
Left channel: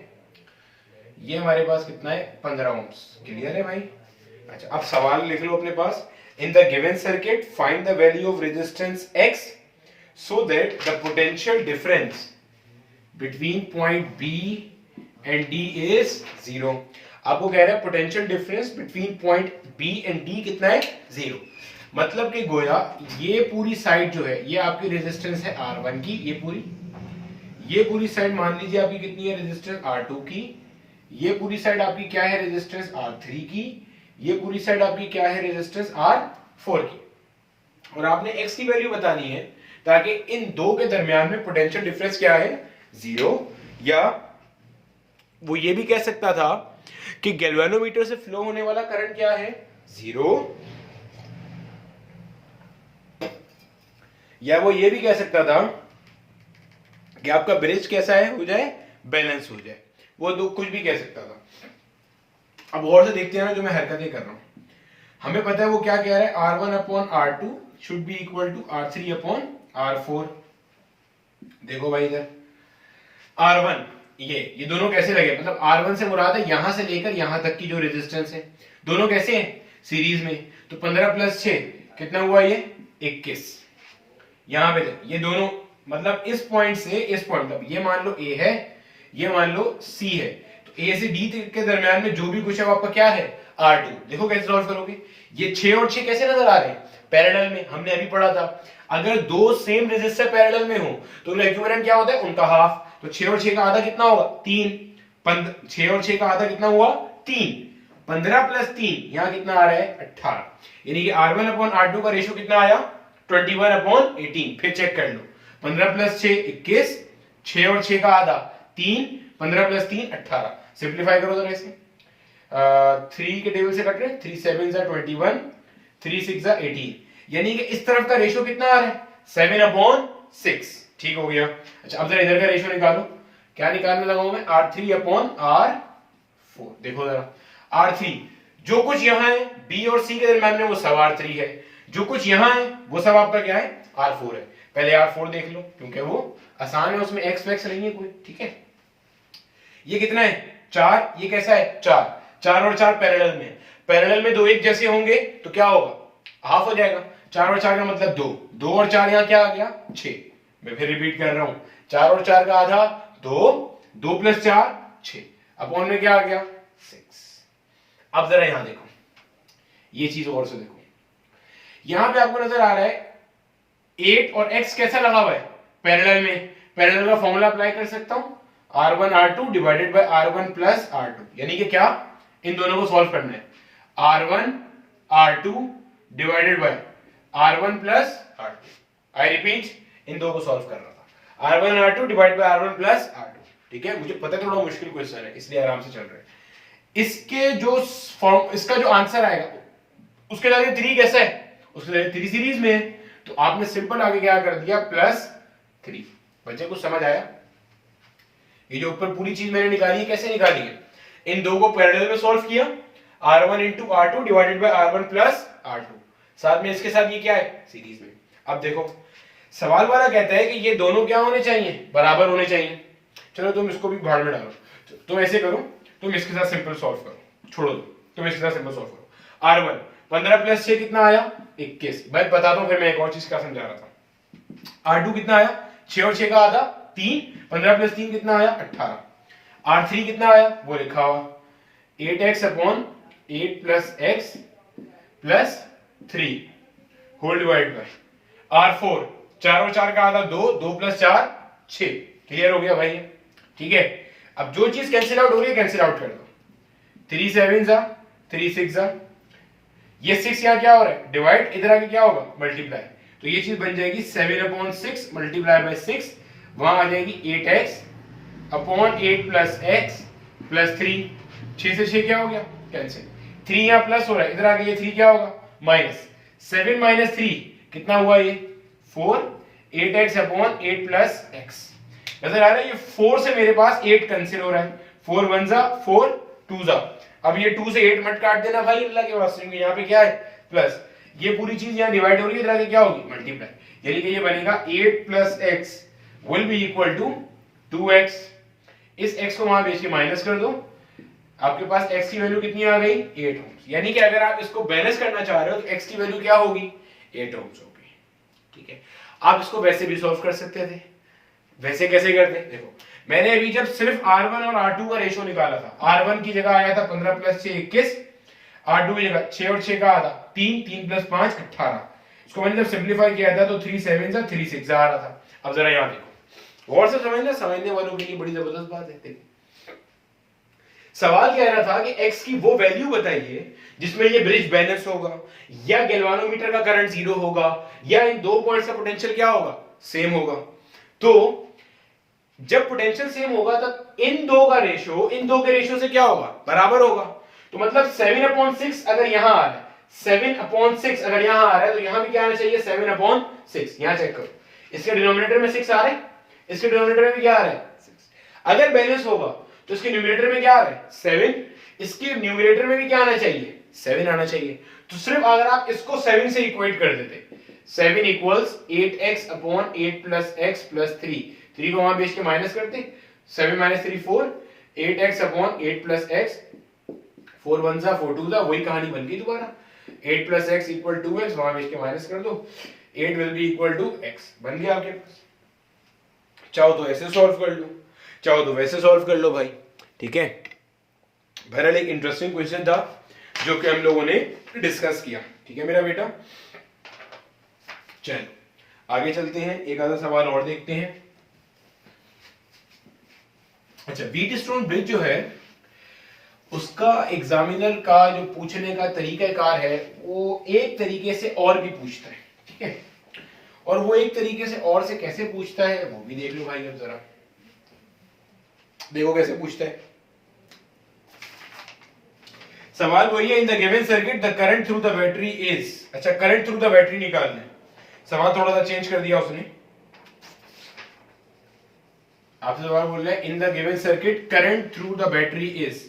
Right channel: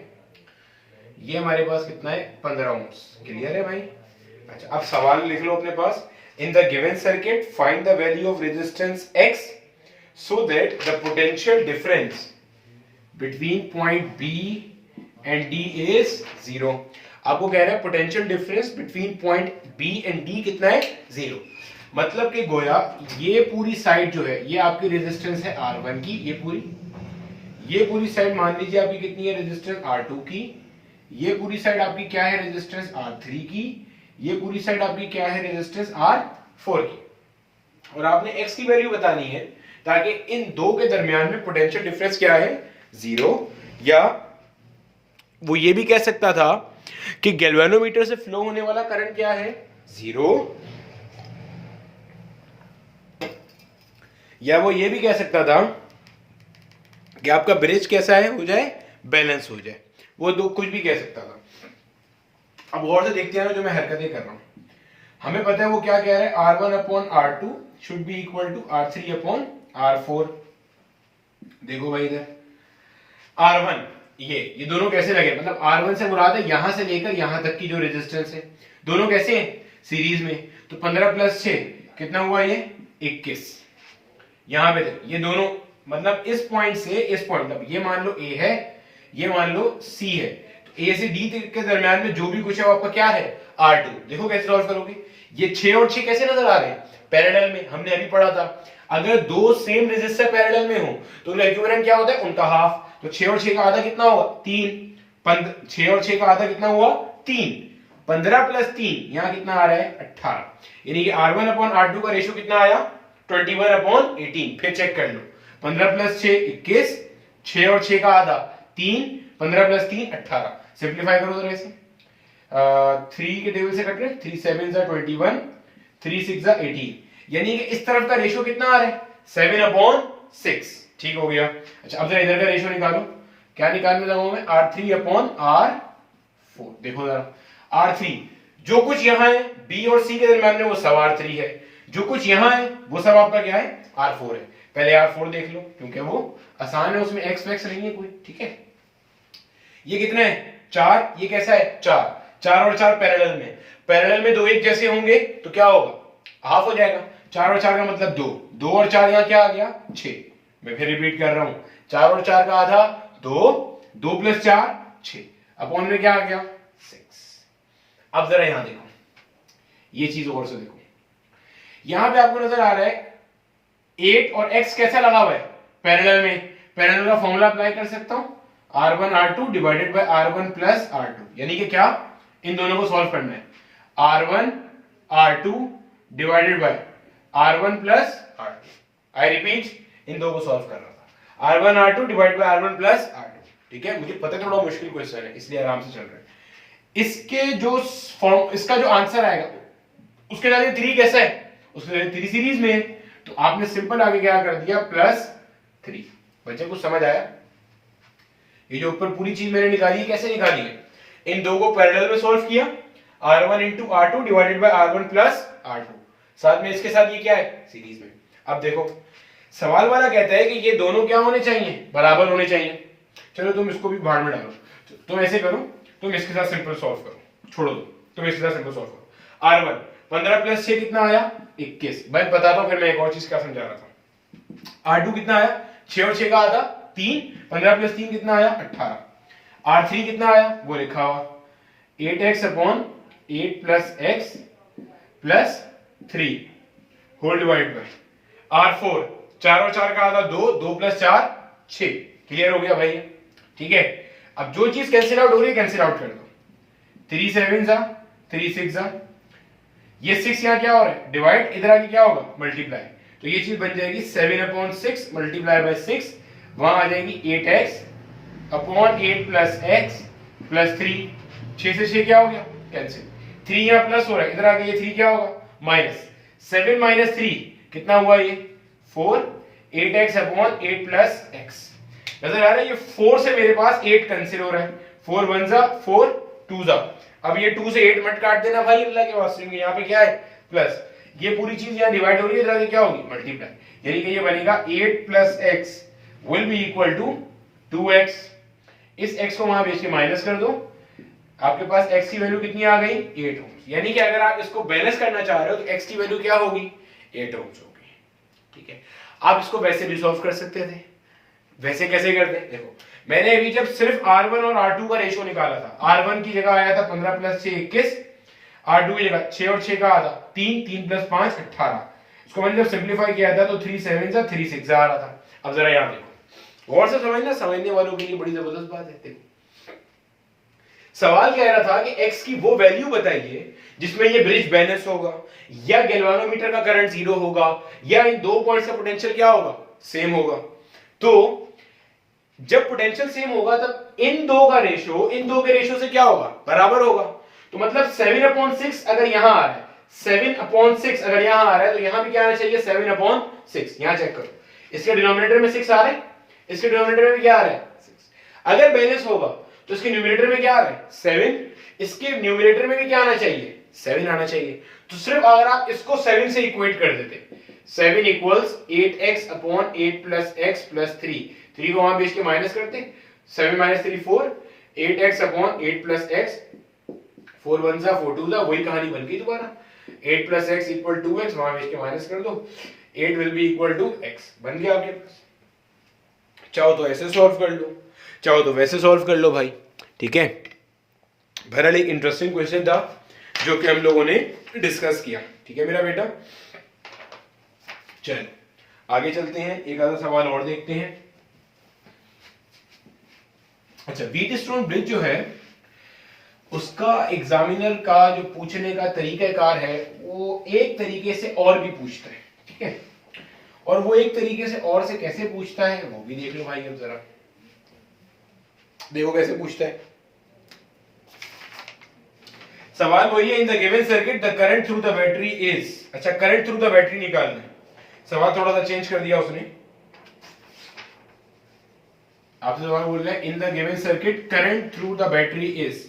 ये हमारे पास कितना है 15 ओम्स। क्लियर है भाई। अच्छा, अब सवाल लिख लो अपने पास। In the given circuit find the value of resistance x so that the potential difference between point B and D is 0। आपको कह रहा है potential difference between point B and D कितना है 0। मतलब कि गोया ये पूरी साइड जो है ये आपकी रेजिस्टेंस है R1 की, ये पूरी साइड मान लीजिए आपकी कितनी है रेजिस्टेंस R2 की, ये पूरी साइड आपकी क्या है रेजिस्टेंस R3 की, ये पूरी साइड आपकी क्या है रेजिस्टेंस R4 की। और आपने x की वैल्यू बतानी है ताकि इन दो के दरमियान में पोटेंशियल डिफरेंस क्या है 0। या वो ये भी कह सकता था कि गैल्वेनोमीटर से फ्लो होने वाला करंट क्या है 0, या वो ये भी कह सकता था कि आपका ब्रिज कैसा है हो जाए बैलेंस हो जाए, वो दो कुछ भी कह सकता था। अब गौर से देखते हैं ना जो मैं हरकतें कर रहा हूं। हमें पता है वो क्या कह रहा है R1 upon R2 should be equal to R3 upon R4। देखो भाई इधर R1 ये दोनों कैसे लगे, मतलब R1 से मुराद है यहां से लेकर यहां तक की जो रेजिस्टेंस है, दोनों कैसे हैं, सीरीज में। तो 15 + 6 कितना हुआ, ये 21। यहां पे ये दोनों मतलब इस पॉइंट से इस पॉइंट, मतलब ये मान लो A है, ये मान लो C है, तो A से D के दरमियान में जो भी कुछ है वो आपका क्या है, R2। देखो कैसे सॉल्व करोगे, ये 6 और 6 कैसे नजर आ रहे हैं, पैरेलल में। हमने अभी पढ़ा था अगर दो सेम रेजिस्टर पैरेलल में हो तो इक्विवेलेंट क्या होता है, उनका हाफ। तो 6 और 6 का आधा कितना होगा, 3। 6 और 6 का आधा कितना हुआ, 3। 15 + 3 यहां कितना आ रहा है, 18। यानी कि R1/R2 का रेशियो कितना आया, 21/18। फिर चेक कर लो, 15 + 6 21, 6 और 6 का आधा 3, 15 + 3 18। सिंप्लीफाई करो जरा इसे, 3 के टेबल से कट रहे, 3 7 = 21, 3 6 = 18। यानी कि इस तरफ का रेशियो कितना आ रहा है, 7/6। ठीक हो गया। अच्छा अब जरा इधर का रेशियो निकालो, क्या निकालने लगा हूं मैं, R3/R4। देखो जरा, R3 जो कुछ यहां है B और C के दरमियान में वो सब R3 है, जो कुछ यहां है वो सब आपका क्या है, R4 है। पहले R4 देख लो क्योंकि वो आसान है, उसमें x वैक्स नहीं है कोई। ठीक है, ये कितना है, 4। ये कैसा है, 4। 4 और 4 पैरेलल में, पैरेलल में दो एक जैसे होंगे तो क्या होगा, हाफ हो जाएगा। 4 और 4 का मतलब 2, 2 और 4 यहां क्या आ गया, 6। मैं फिर रिपीट कर रहा हूं, 4 और 4 का आधा 2, 2 + 4 6, अपॉन में क्या आ गया, 6। अब जरा यहां देखो, ये चीज और से देखो, यहां पे आपको नजर आ रहा है 8 और x कैसा लगा हुआ है, पैरेलल में। पैरेलल का फॉर्मूला अप्लाई कर सकता हूं, R1/R2 divided by R1 + R2। यानी कि क्या, इन दोनों को सॉल्व करना है, R1/R2 divided by R1 + R2। I repeat, इन दो को सॉल्व कर रहा था, R1/R2 divide by R1 + R2। ठीक है, मुझे पता है थोड़ा मुश्किल क्वेश्चन है इसलिए आराम से चल रहा है। इसके जो फॉर्म, इसका जो आंसर आएगा उसके जरिए 3 कैसा है, उसके जरिए 3 सीरीज में है, तो आपने सिंपल आगे क्या कर दिया, +3। बच्चे कुछ समझ आया, ये जो ऊपर पूरी चीज मैंने निकाली है कैसे निकाली है, इन दो को पैरेलल में सॉल्व किया, R1 × R2 divided by R1 + R2, साथ में इसके साथ ये क्या है, सीरीज में। अब देखो सवाल वाला कहता है कि ये दोनों क्या होने चाहिए, बराबर होने चाहिए। चलो तुम इसको भी भाड़ में डालो, तुम ऐसे करो, तुम इसके साथ सिंपल सॉल्व करो, छोड़ो दो, तुम इसके साथ सिंपल सॉल्व करो। R1 15 + 6 कितना आया, 21। मैं बताता हूं, फिर मैं एक और चीज क्या समझा रहा था। R2 कितना आया, 6 और 6 का आधा 3, 15 + 3 कितना आया, 18। R3 कितना आया वो लिखा हुआ, 8x/8 + x + 3 whole divide by R4, 4 और 4 का आधा 2, 2 + 4 6। क्लियर हो गया भाई, ठीक है। अब जो चीज कैंसिल आउट हो रही है कैंसिल आउट कर दो, 3 7 = 3 6 = ये 6 यहां क्या हो रहा है, डिवाइड, इधर आके क्या होगा, मल्टीप्लाई। तो ये चीज बन जाएगी 7/6 मल्टीप्लाई बाय 6, वहां आ जाएगी 8x/8 + x + 3। 6 से 6 क्या हो गया, कैंसिल। 3 यहां प्लस हो रहा है, इधर आके ये 3 क्या होगा, माइनस। 7 - 3 कितना हुआ, ये 4, 8x/8 + x। नजर आ रहा है, ये 4 से मेरे पास 8 कैंसिल हो रहा है, 4 1 = 4, 2 = अब ये 2 से 8 मत काट देना भाई अल्लाह के वास्ते में, यहाँ पे क्या है, प्लस। ये पूरी चीज यहाँ डिवाइड हो रही है, इधर आके क्या होगी, मल्टीप्लाई। यानी कि ये बनेगा 8 + x will be equal to 2x। इस x को वहां भेज के माइनस कर दो, आपके पास x की वैल्यू कितनी आ गई, 8 ओम्स। यानी कि अगर आप इसको बैलेंस करना चाह रहे हो तो x की वैल्यू क्या होगी, 8 ओम्स होगी। ठीक है, आप इसको वैसे भी सॉल्व कर सकते थे। वैसे कैसे करते हैं, देखो मैंने अभी जब सिर्फ R1 और R2 का रेशियो निकाला था, R1 की जगह आया था 15 + 6 21, R2 की जगह 6 और 6 का आधा 3, 3 + 5 18। इसको मैंने जब सिंपलीफाई किया था तो 3 7 = 3 6 आ रहा था। अब जरा यहां देखो, गौर से समझना, समझने वालों के लिए बड़ी जबरदस्त बात है। देखो सवाल कह रहा था कि x की वो वैल्यू बताइए जिसमें ये ब्रिज बैलेंस होगा, या गैल्वानोमीटर का करंट 0 होगा, या इन दो पॉइंट्स का पोटेंशियल क्या होगा, सेम होगा। तो जब पोटेंशियल सेम होगा तब इन दो का रेशियो इन दो के रेशियो से क्या होगा, बराबर होगा। तो मतलब 7/6 अगर यहां आ रहा है, 7/6 अगर यहां आ रहा है तो यहां भी क्या आना चाहिए, 7/6। यहां चेक करो, इसके डिनोमिनेटर में 6 आ रहा है, इसके डिनोमिनेटर में भी क्या आ रहा है, 6। अगर बैलेंस होगा तो इसके न्यूमरेटर में क्या आ रहा है, 7, इसके न्यूमरेटर में भी क्या आना चाहिए, 7 आना चाहिए। तो सिर्फ अगर आप इसको 7 से इक्वेट कर देते, 7 = 8x/8 + x + 3 को वहां भेज के माइनस करते, 7 minus 3 4, 8x upon 8 plus x, 4 1 जा 4 2 जा, वही कहानी बन गई दोबारा। 8 प्लस एक्स इक्वल 2x, वहां भेज के माइनस कर दो, 8 will be equal to x, बन गया आपके पास। चाहो तो ऐसे सॉल्व कर लो, चाहो तो वैसे सॉल्व कर लो भाई, ठीक है। बहरहाल एक इंटरेस्टिंग क्वेश्चन था जो कि हम लोगों ने डिस्कस किया, ठीक है मेरा बेटा। चलो आगे चलते हैं, एक आधा सवाल और देखते हैं। अच्छा, व्हीटस्टोन ब्रिज जो है उसका एग्जामिनर का जो पूछने का तरीकाकार है वो एक तरीके से और भी पूछता है, ठीक है। और वो एक तरीके से और से कैसे पूछता है वो भी देख लो भाई। अब जरा देखो कैसे पूछता है। सवाल वही है, इन the given circuit the current through the battery is, अच्छा करंट थ्रू द बैटरी निकालना है। सवाल थोड़ा सा चेंज कर दिया उसने, आपसे सवाल बोल रहे हैं in the given circuit current through the battery is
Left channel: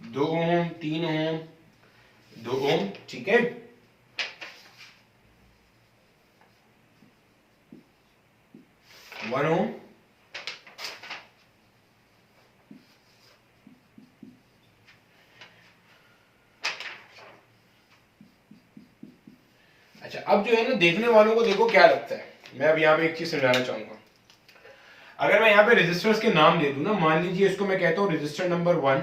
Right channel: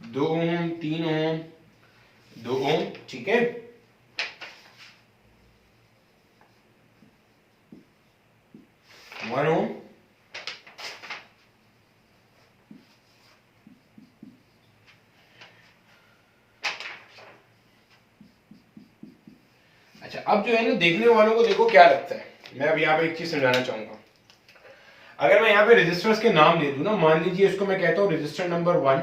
2 ओम, 3 ओम, 2 ओम, ठीक है। वन ओम, अच्छा अब जो है ना देखने वालों को देखो क्या लगता है। मैं अब यहाँ पे एक चीज समझाना चाहूंगा। अगर मैं यहाँ पे रेजिस्टर्स के नाम दे दूं ना, मान लीजिए इसको मैं कहता हूं रेजिस्टर नंबर 1,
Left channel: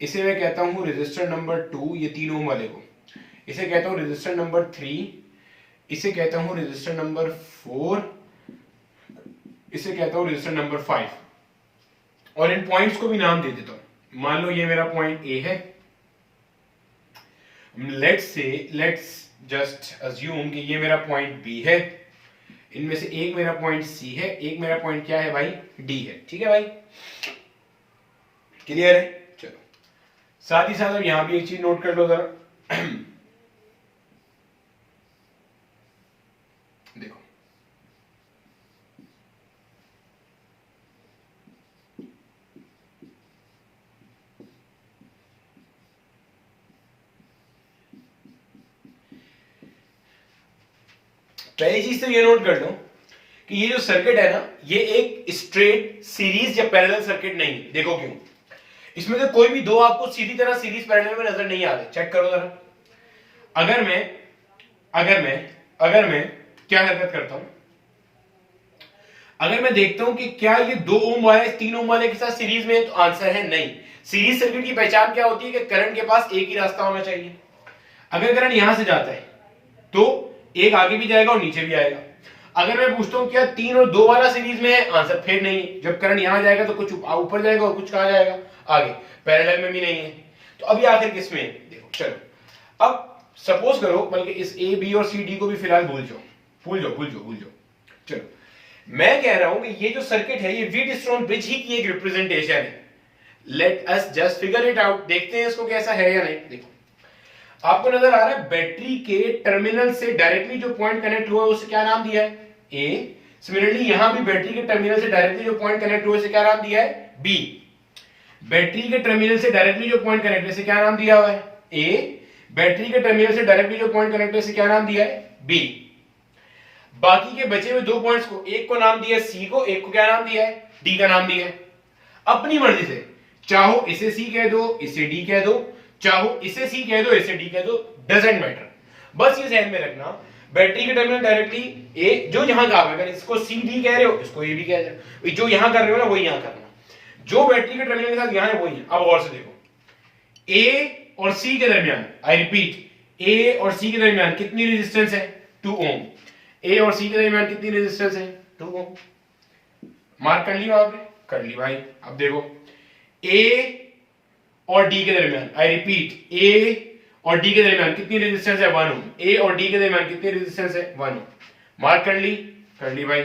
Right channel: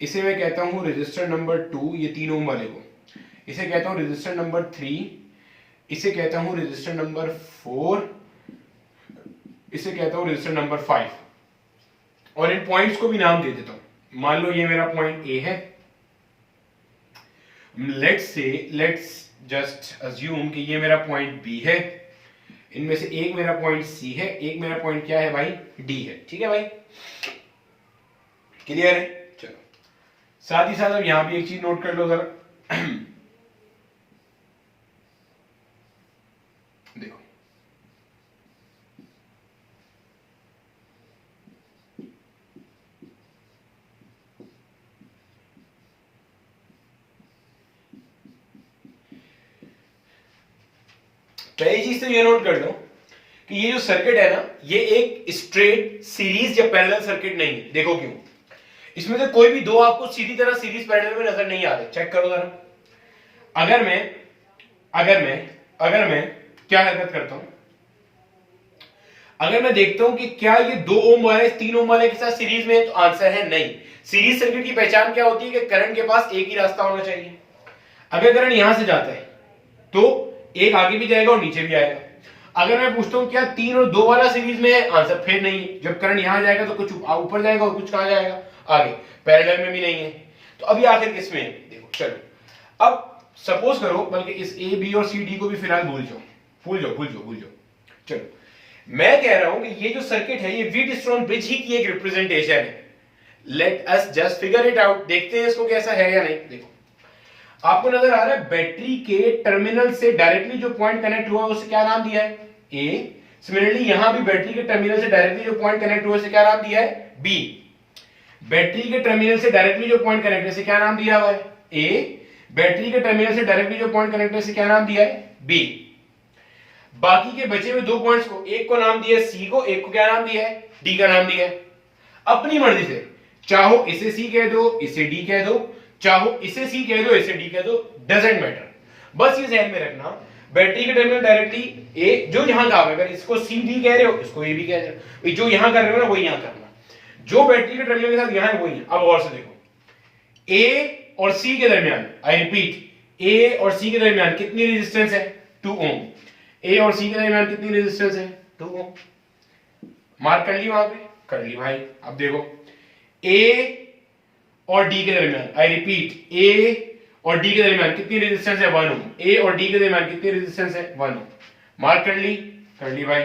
इसे मैं कहता हूं रेजिस्टर नंबर 2, ये 3 ओम वाले को, इसे कहता हूं रेजिस्टर नंबर 3, इसे कहता हूं रेजिस्टर नंबर 4, इसे कहता हूं रेजिस्टर नंबर 5, और इन पॉइंट्स को भी नाम दे देता हूं। मान लो ये मेरा पॉइंट ए है, लेट्स जस्ट अज्यूम कि ये मेरा पॉइंट बी है, इनमें से एक मेरा पॉइंट सी है, एक मेरा पॉइंट क्या है भाई, डी है, ठीक है भाई, क्लियर है। चलो साथ ही साथ अब यहां भी एक चीज नोट कर लो जरा। देखो पहली चीज तो ये नोट कर लो कि ये जो सर्किट है ना, ये एक स्ट्रेट सीरीज या पैरेलल सर्किट नहीं है। देखो क्यों, इसमें से कोई भी दो आपको सीधी तरह सीरीज पैरेलल में नजर नहीं आ रहे। चेक करो जरा। अगर मैं क्या हरकत करता हूं, अगर मैं देखता हूं कि क्या ये 2 ओम वाले 3 ओम वाले के साथ सीरीज में, तो आंसर है नहीं। सीरीज सर्किट की पहचान क्या होती है कि करंट के पास एक ही रास्ता होना चाहिए। अगर करंट यहां से जाता है तो एक आगे भी जाएगा और नीचे भी आएगा। अगर मैं पूछता हूं क्या 3 और 2 वाला सीरीज में है, आंसर फिर नहीं। जब करंट यहां जाएगा तो कुछ ऊपर जाएगा और कुछ कहां जाएगा, आगे। पैरेलल में भी नहीं है, तो अब ये आखिर किसमें है। देखो चलो अब सपोज करो, बल्कि इस ए बी और सी डी को भी फिलहाल भूल जाओ। चलो मैं कह रहा हूं कि ये जो सर्किट है ये व्हीटस्टोन ब्रिज ही की एक रिप्रेजेंटेशन है। Let us just figure it out, देखते हैं इसको कैसा है या नहीं। देखो आपको नजर आ रहा है बैटरी के टर्मिनल से डायरेक्टली जो पॉइंट कनेक्ट हुआ है उसे क्या नाम दिया है, ए। सिमिलरली यहां भी बैटरी के टर्मिनल से डायरेक्टली जो पॉइंट कनेक्ट हुआ है उसे क्या नाम दिया है, बी। बैटरी के टर्मिनल से डायरेक्टली जो पॉइंट कनेक्ट है उसे क्या नाम दिया हुआ है, ए। बैटरी के टर्मिनल से डायरेक्टली जो पॉइंट कनेक्ट है उसे क्या नाम दिया है, बी। बाकी के बचे हुए 2 पॉइंट्स को, एक को नाम दिया है सी को, एक को क्या नाम दिया है, डी का नाम दिया है। अपनी मर्जी से चाहो इसे सी कह दो, इसे डी कह दो, चाहो इसे सी कह दो, इसे डी कह दो, डजंट मैटर। बस ये ध्यान में रखना, बैटरी के टर्मिनल डायरेक्टली ए, जो यहां का, अगर इसको सी डी कह रहे हो इसको ए भी कह रहे हो, जो यहां कर रहे हो ना वही यहां करना, जो बैटरी के टर्मिनल के साथ यहां है वही है। अब गौर से देखो, ए और सी के दरमियान, आई रिपीट, ए और सी के दरमियान कितनी रेजिस्टेंस है, 2 ओम। ए और सी के दरमियान कितनी रेजिस्टेंस है, 2 ओम। मार्क कर ली वहां पे, कर ली भाई। अब देखो ए और डी के दरमियान, आई रिपीट, ए और डी के दरमियान कितनी रेजिस्टेंस है, 1 ओम। ए और डी के दरमियान कितनी रेजिस्टेंस है, 1 ओम। मार्क कर ली भाई।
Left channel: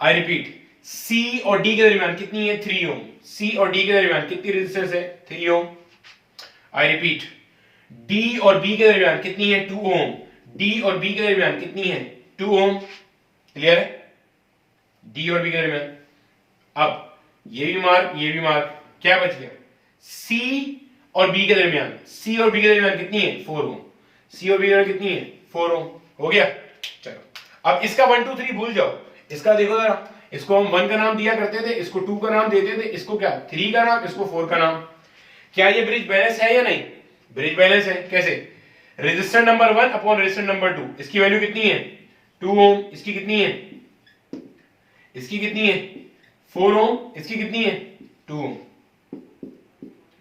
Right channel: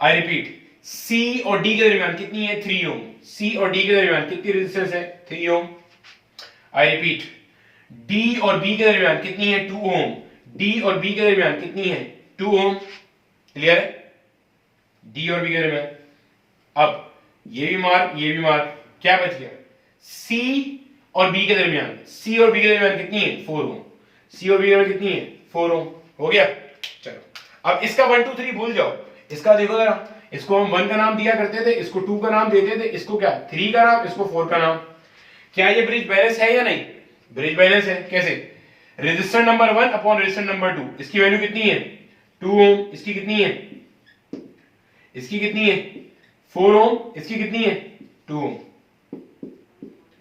आई रिपीट, सी और डी के दरमियान कितनी है, 3 ओम। सी और डी के दरमियान कितनी रेजिस्टेंस है, 3 ओम। आई रिपीट, डी और बी के दरमियान कितनी है, 2 ओम। डी और बी के दरमियान कितनी है, 2 ओम। क्लियर है, डी और बी के दरमियान। अब ये भी मार्क, क्या बच गया, सी और बी के दरमियान, सी और बी के दरमियान कितनी है, 4 ओम। सी और बी के दरमियान कितनी है, 4 ओम। हो गया। चलो अब इसका 1 2 3 भूल जाओ, इसका देखो जरा, इसको हम 1 का नाम दिया करते थे, इसको 2 का नाम देते थे, इसको क्या 3 का नाम, इसको 4 का नाम। क्या ये ब्रिज बैलेंस है या नहीं? ब्रिज बैलेंस है। कैसे? Resistance number 1 upon resistance number 2, इसकी वैल्यू कितनी है 2 ओम, इसकी कितनी है, इसकी कितनी है 4 ओम, इसकी कितनी है 2 ओम।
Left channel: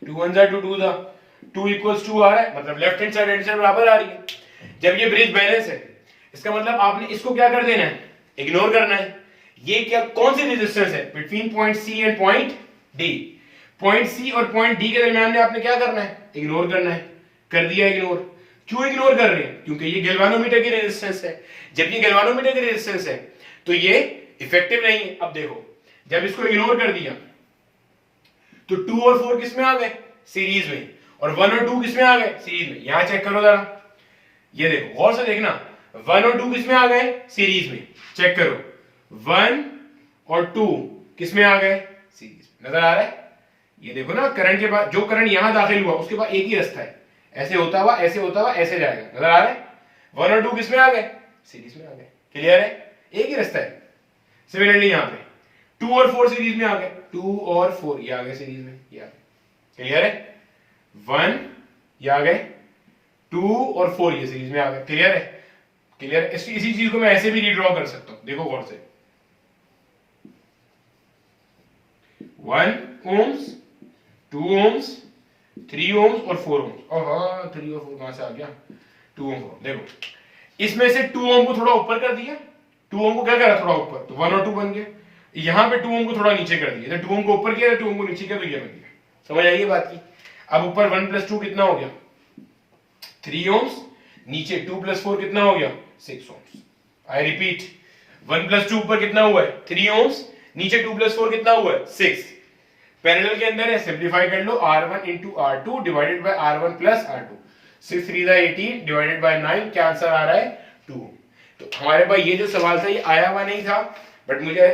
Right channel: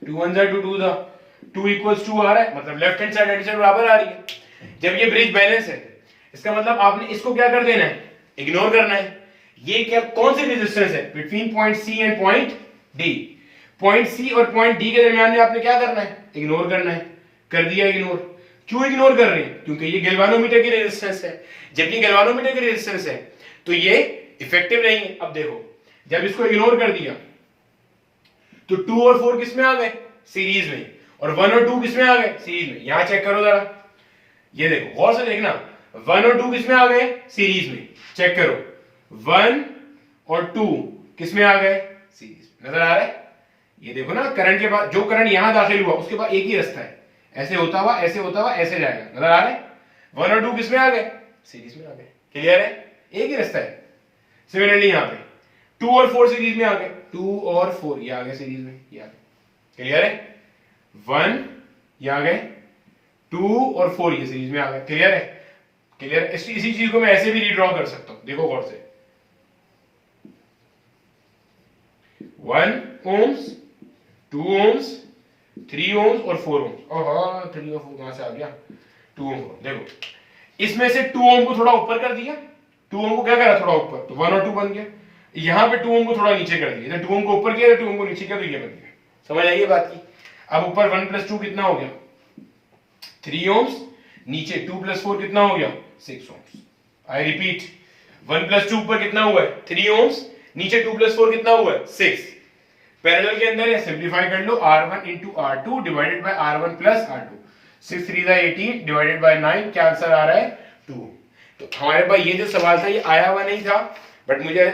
2 1 जा 2 2 जा 2 इक्वल्स 2 आ रहा है, मतलब left hand side right side बराबर आ रही है। जब ये ब्रिज बैलेंस है इसका मतलब आपने इसको क्या कर देना है, इग्नोर करना है। ये क्या कौन सी रेजिस्टेंस है between point C and point D, point C और पॉइंट डी के दरमियान में आपने क्या करना है, इग्नोर करना है। कर दिया इग्नोर। क्यों इग्नोर कर रहे हैं? क्योंकि ये गैल्वानोमीटर की रेजिस्टेंस है। जब ये गैल्वानोमीटर की रेजिस्टेंस है तो ये इफेक्टिव नहीं है। अब देखो जब इसको इग्नोर कर दिया तो 2 और 4 किस में आ गए, सीरीज में, और 1 और 2 किस में आ गए, सीरीज में। यहां चेक करो जरा, ये देखो गौर से देखना, 1 और 2 किस में आ गए, सीरीज में। चेक करो 1 और 2 किस में आ गए, सीरीज में। नजर आ रहा है? ये देखो ना, करंट के बाद जो करंट यहां दाखिल हुआ उसके बाद एक ही रास्ता है, ऐसे होता हुआ ऐसे होता हुआ ऐसे जाएगा। नजर आ रहा है? 1 और 2 किस में आ गए, सीरीज में आ गए। क्लियर है? एक ही रास्ता है। सिमिलरली यहां पे 2 और 4 सीरीज में आ गए, 2 और 4 ये आ गए सीरीज में, ये आ गए। क्लियर है? 1 ये आ गए, 2 और 4 ये सीरीज में आ गए। क्लियर है? क्लियर? इसी चीज को मैं ऐसे भी रीड्रॉ कर सकता हूं, देखो गौर से, 1 ओम्स, 2 ओम्स, 3 ओम्स और 4 ओम्स। ओह 3 और 4 कहां से आ गया, 2 ओम। देखो इसमें से 2 ओम को थोड़ा ऊपर कर दिया, 2 ओम को क्या करा थोड़ा ऊपर, तो 1 और 2 बन गया। यहां पे 2 ओम को थोड़ा नीचे कर दिया, 2 ओम को ऊपर किया 2 ओम को नीचे किया, तो ये बन गया। समझ आई बात की? अब ऊपर 1 + 2 कितना हो गया, 3 ओम्स, नीचे 2 + 4 कितना हो गया, 6 ओम्स। आई रिपीट, 1 + 2 ऊपर कितना हुआ है, 3 ओम्स, नीचे 2 + 4 कितना हुआ है, 6। पैरेलल के अंदर है, सिंपलीफाई कर लो, R1 × R2 divided by R1 + R2, 6 3 18 divided by 9, क्या आंसर आ रहा है 2। तो हमारे पास ये जो सवाल था ये आया हुआ नहीं था, बट मुझे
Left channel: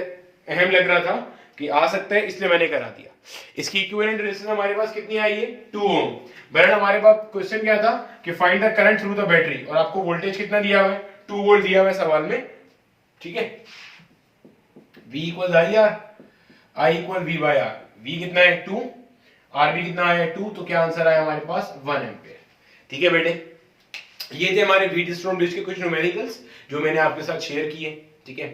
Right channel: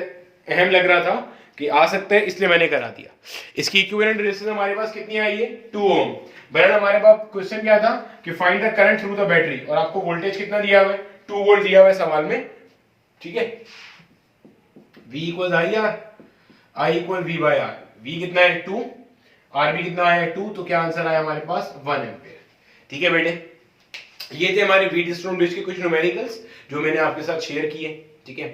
अहम लग रहा था कि आ सकता है, इसलिए मैंने करा दिया। इसकी इक्विवेलेंट रेजिस्टेंस हमारे पास कितनी आई है, 2 ओम। बट हमारे पास क्वेश्चन क्या था कि find the current through the battery, और आपको वोल्टेज कितना दिया हुआ है, 2 वोल्ट दिया हुआ है सवाल में। ठीक है, V = IR, I = V/R। V कितना है 2, R भी कितना आया 2, तो क्या आंसर आया हमारे पास 1 एम्पीयर। ठीक है बेटे, ये थे हमारे व्हीटस्टोन ब्रिज के कुछ न्यूमेरिकल्स जो मैंने आपके साथ शेयर किए। ठीक है,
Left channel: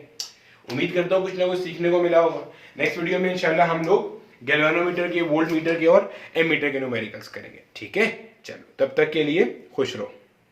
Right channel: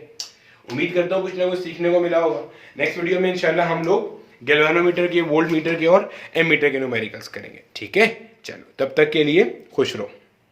उम्मीद करता हूँ कुछ ना कुछ सीखने को मिला होगा। नेक्स्ट वीडियो में इंशाल्लाह हम लोग गैल्वेनोमीटर के, वोल्ट मीटर के और एमीटर के न्यूमेरिकल्स करेंगे। ठीक है, चलो तब तक के लिए खुश रहो।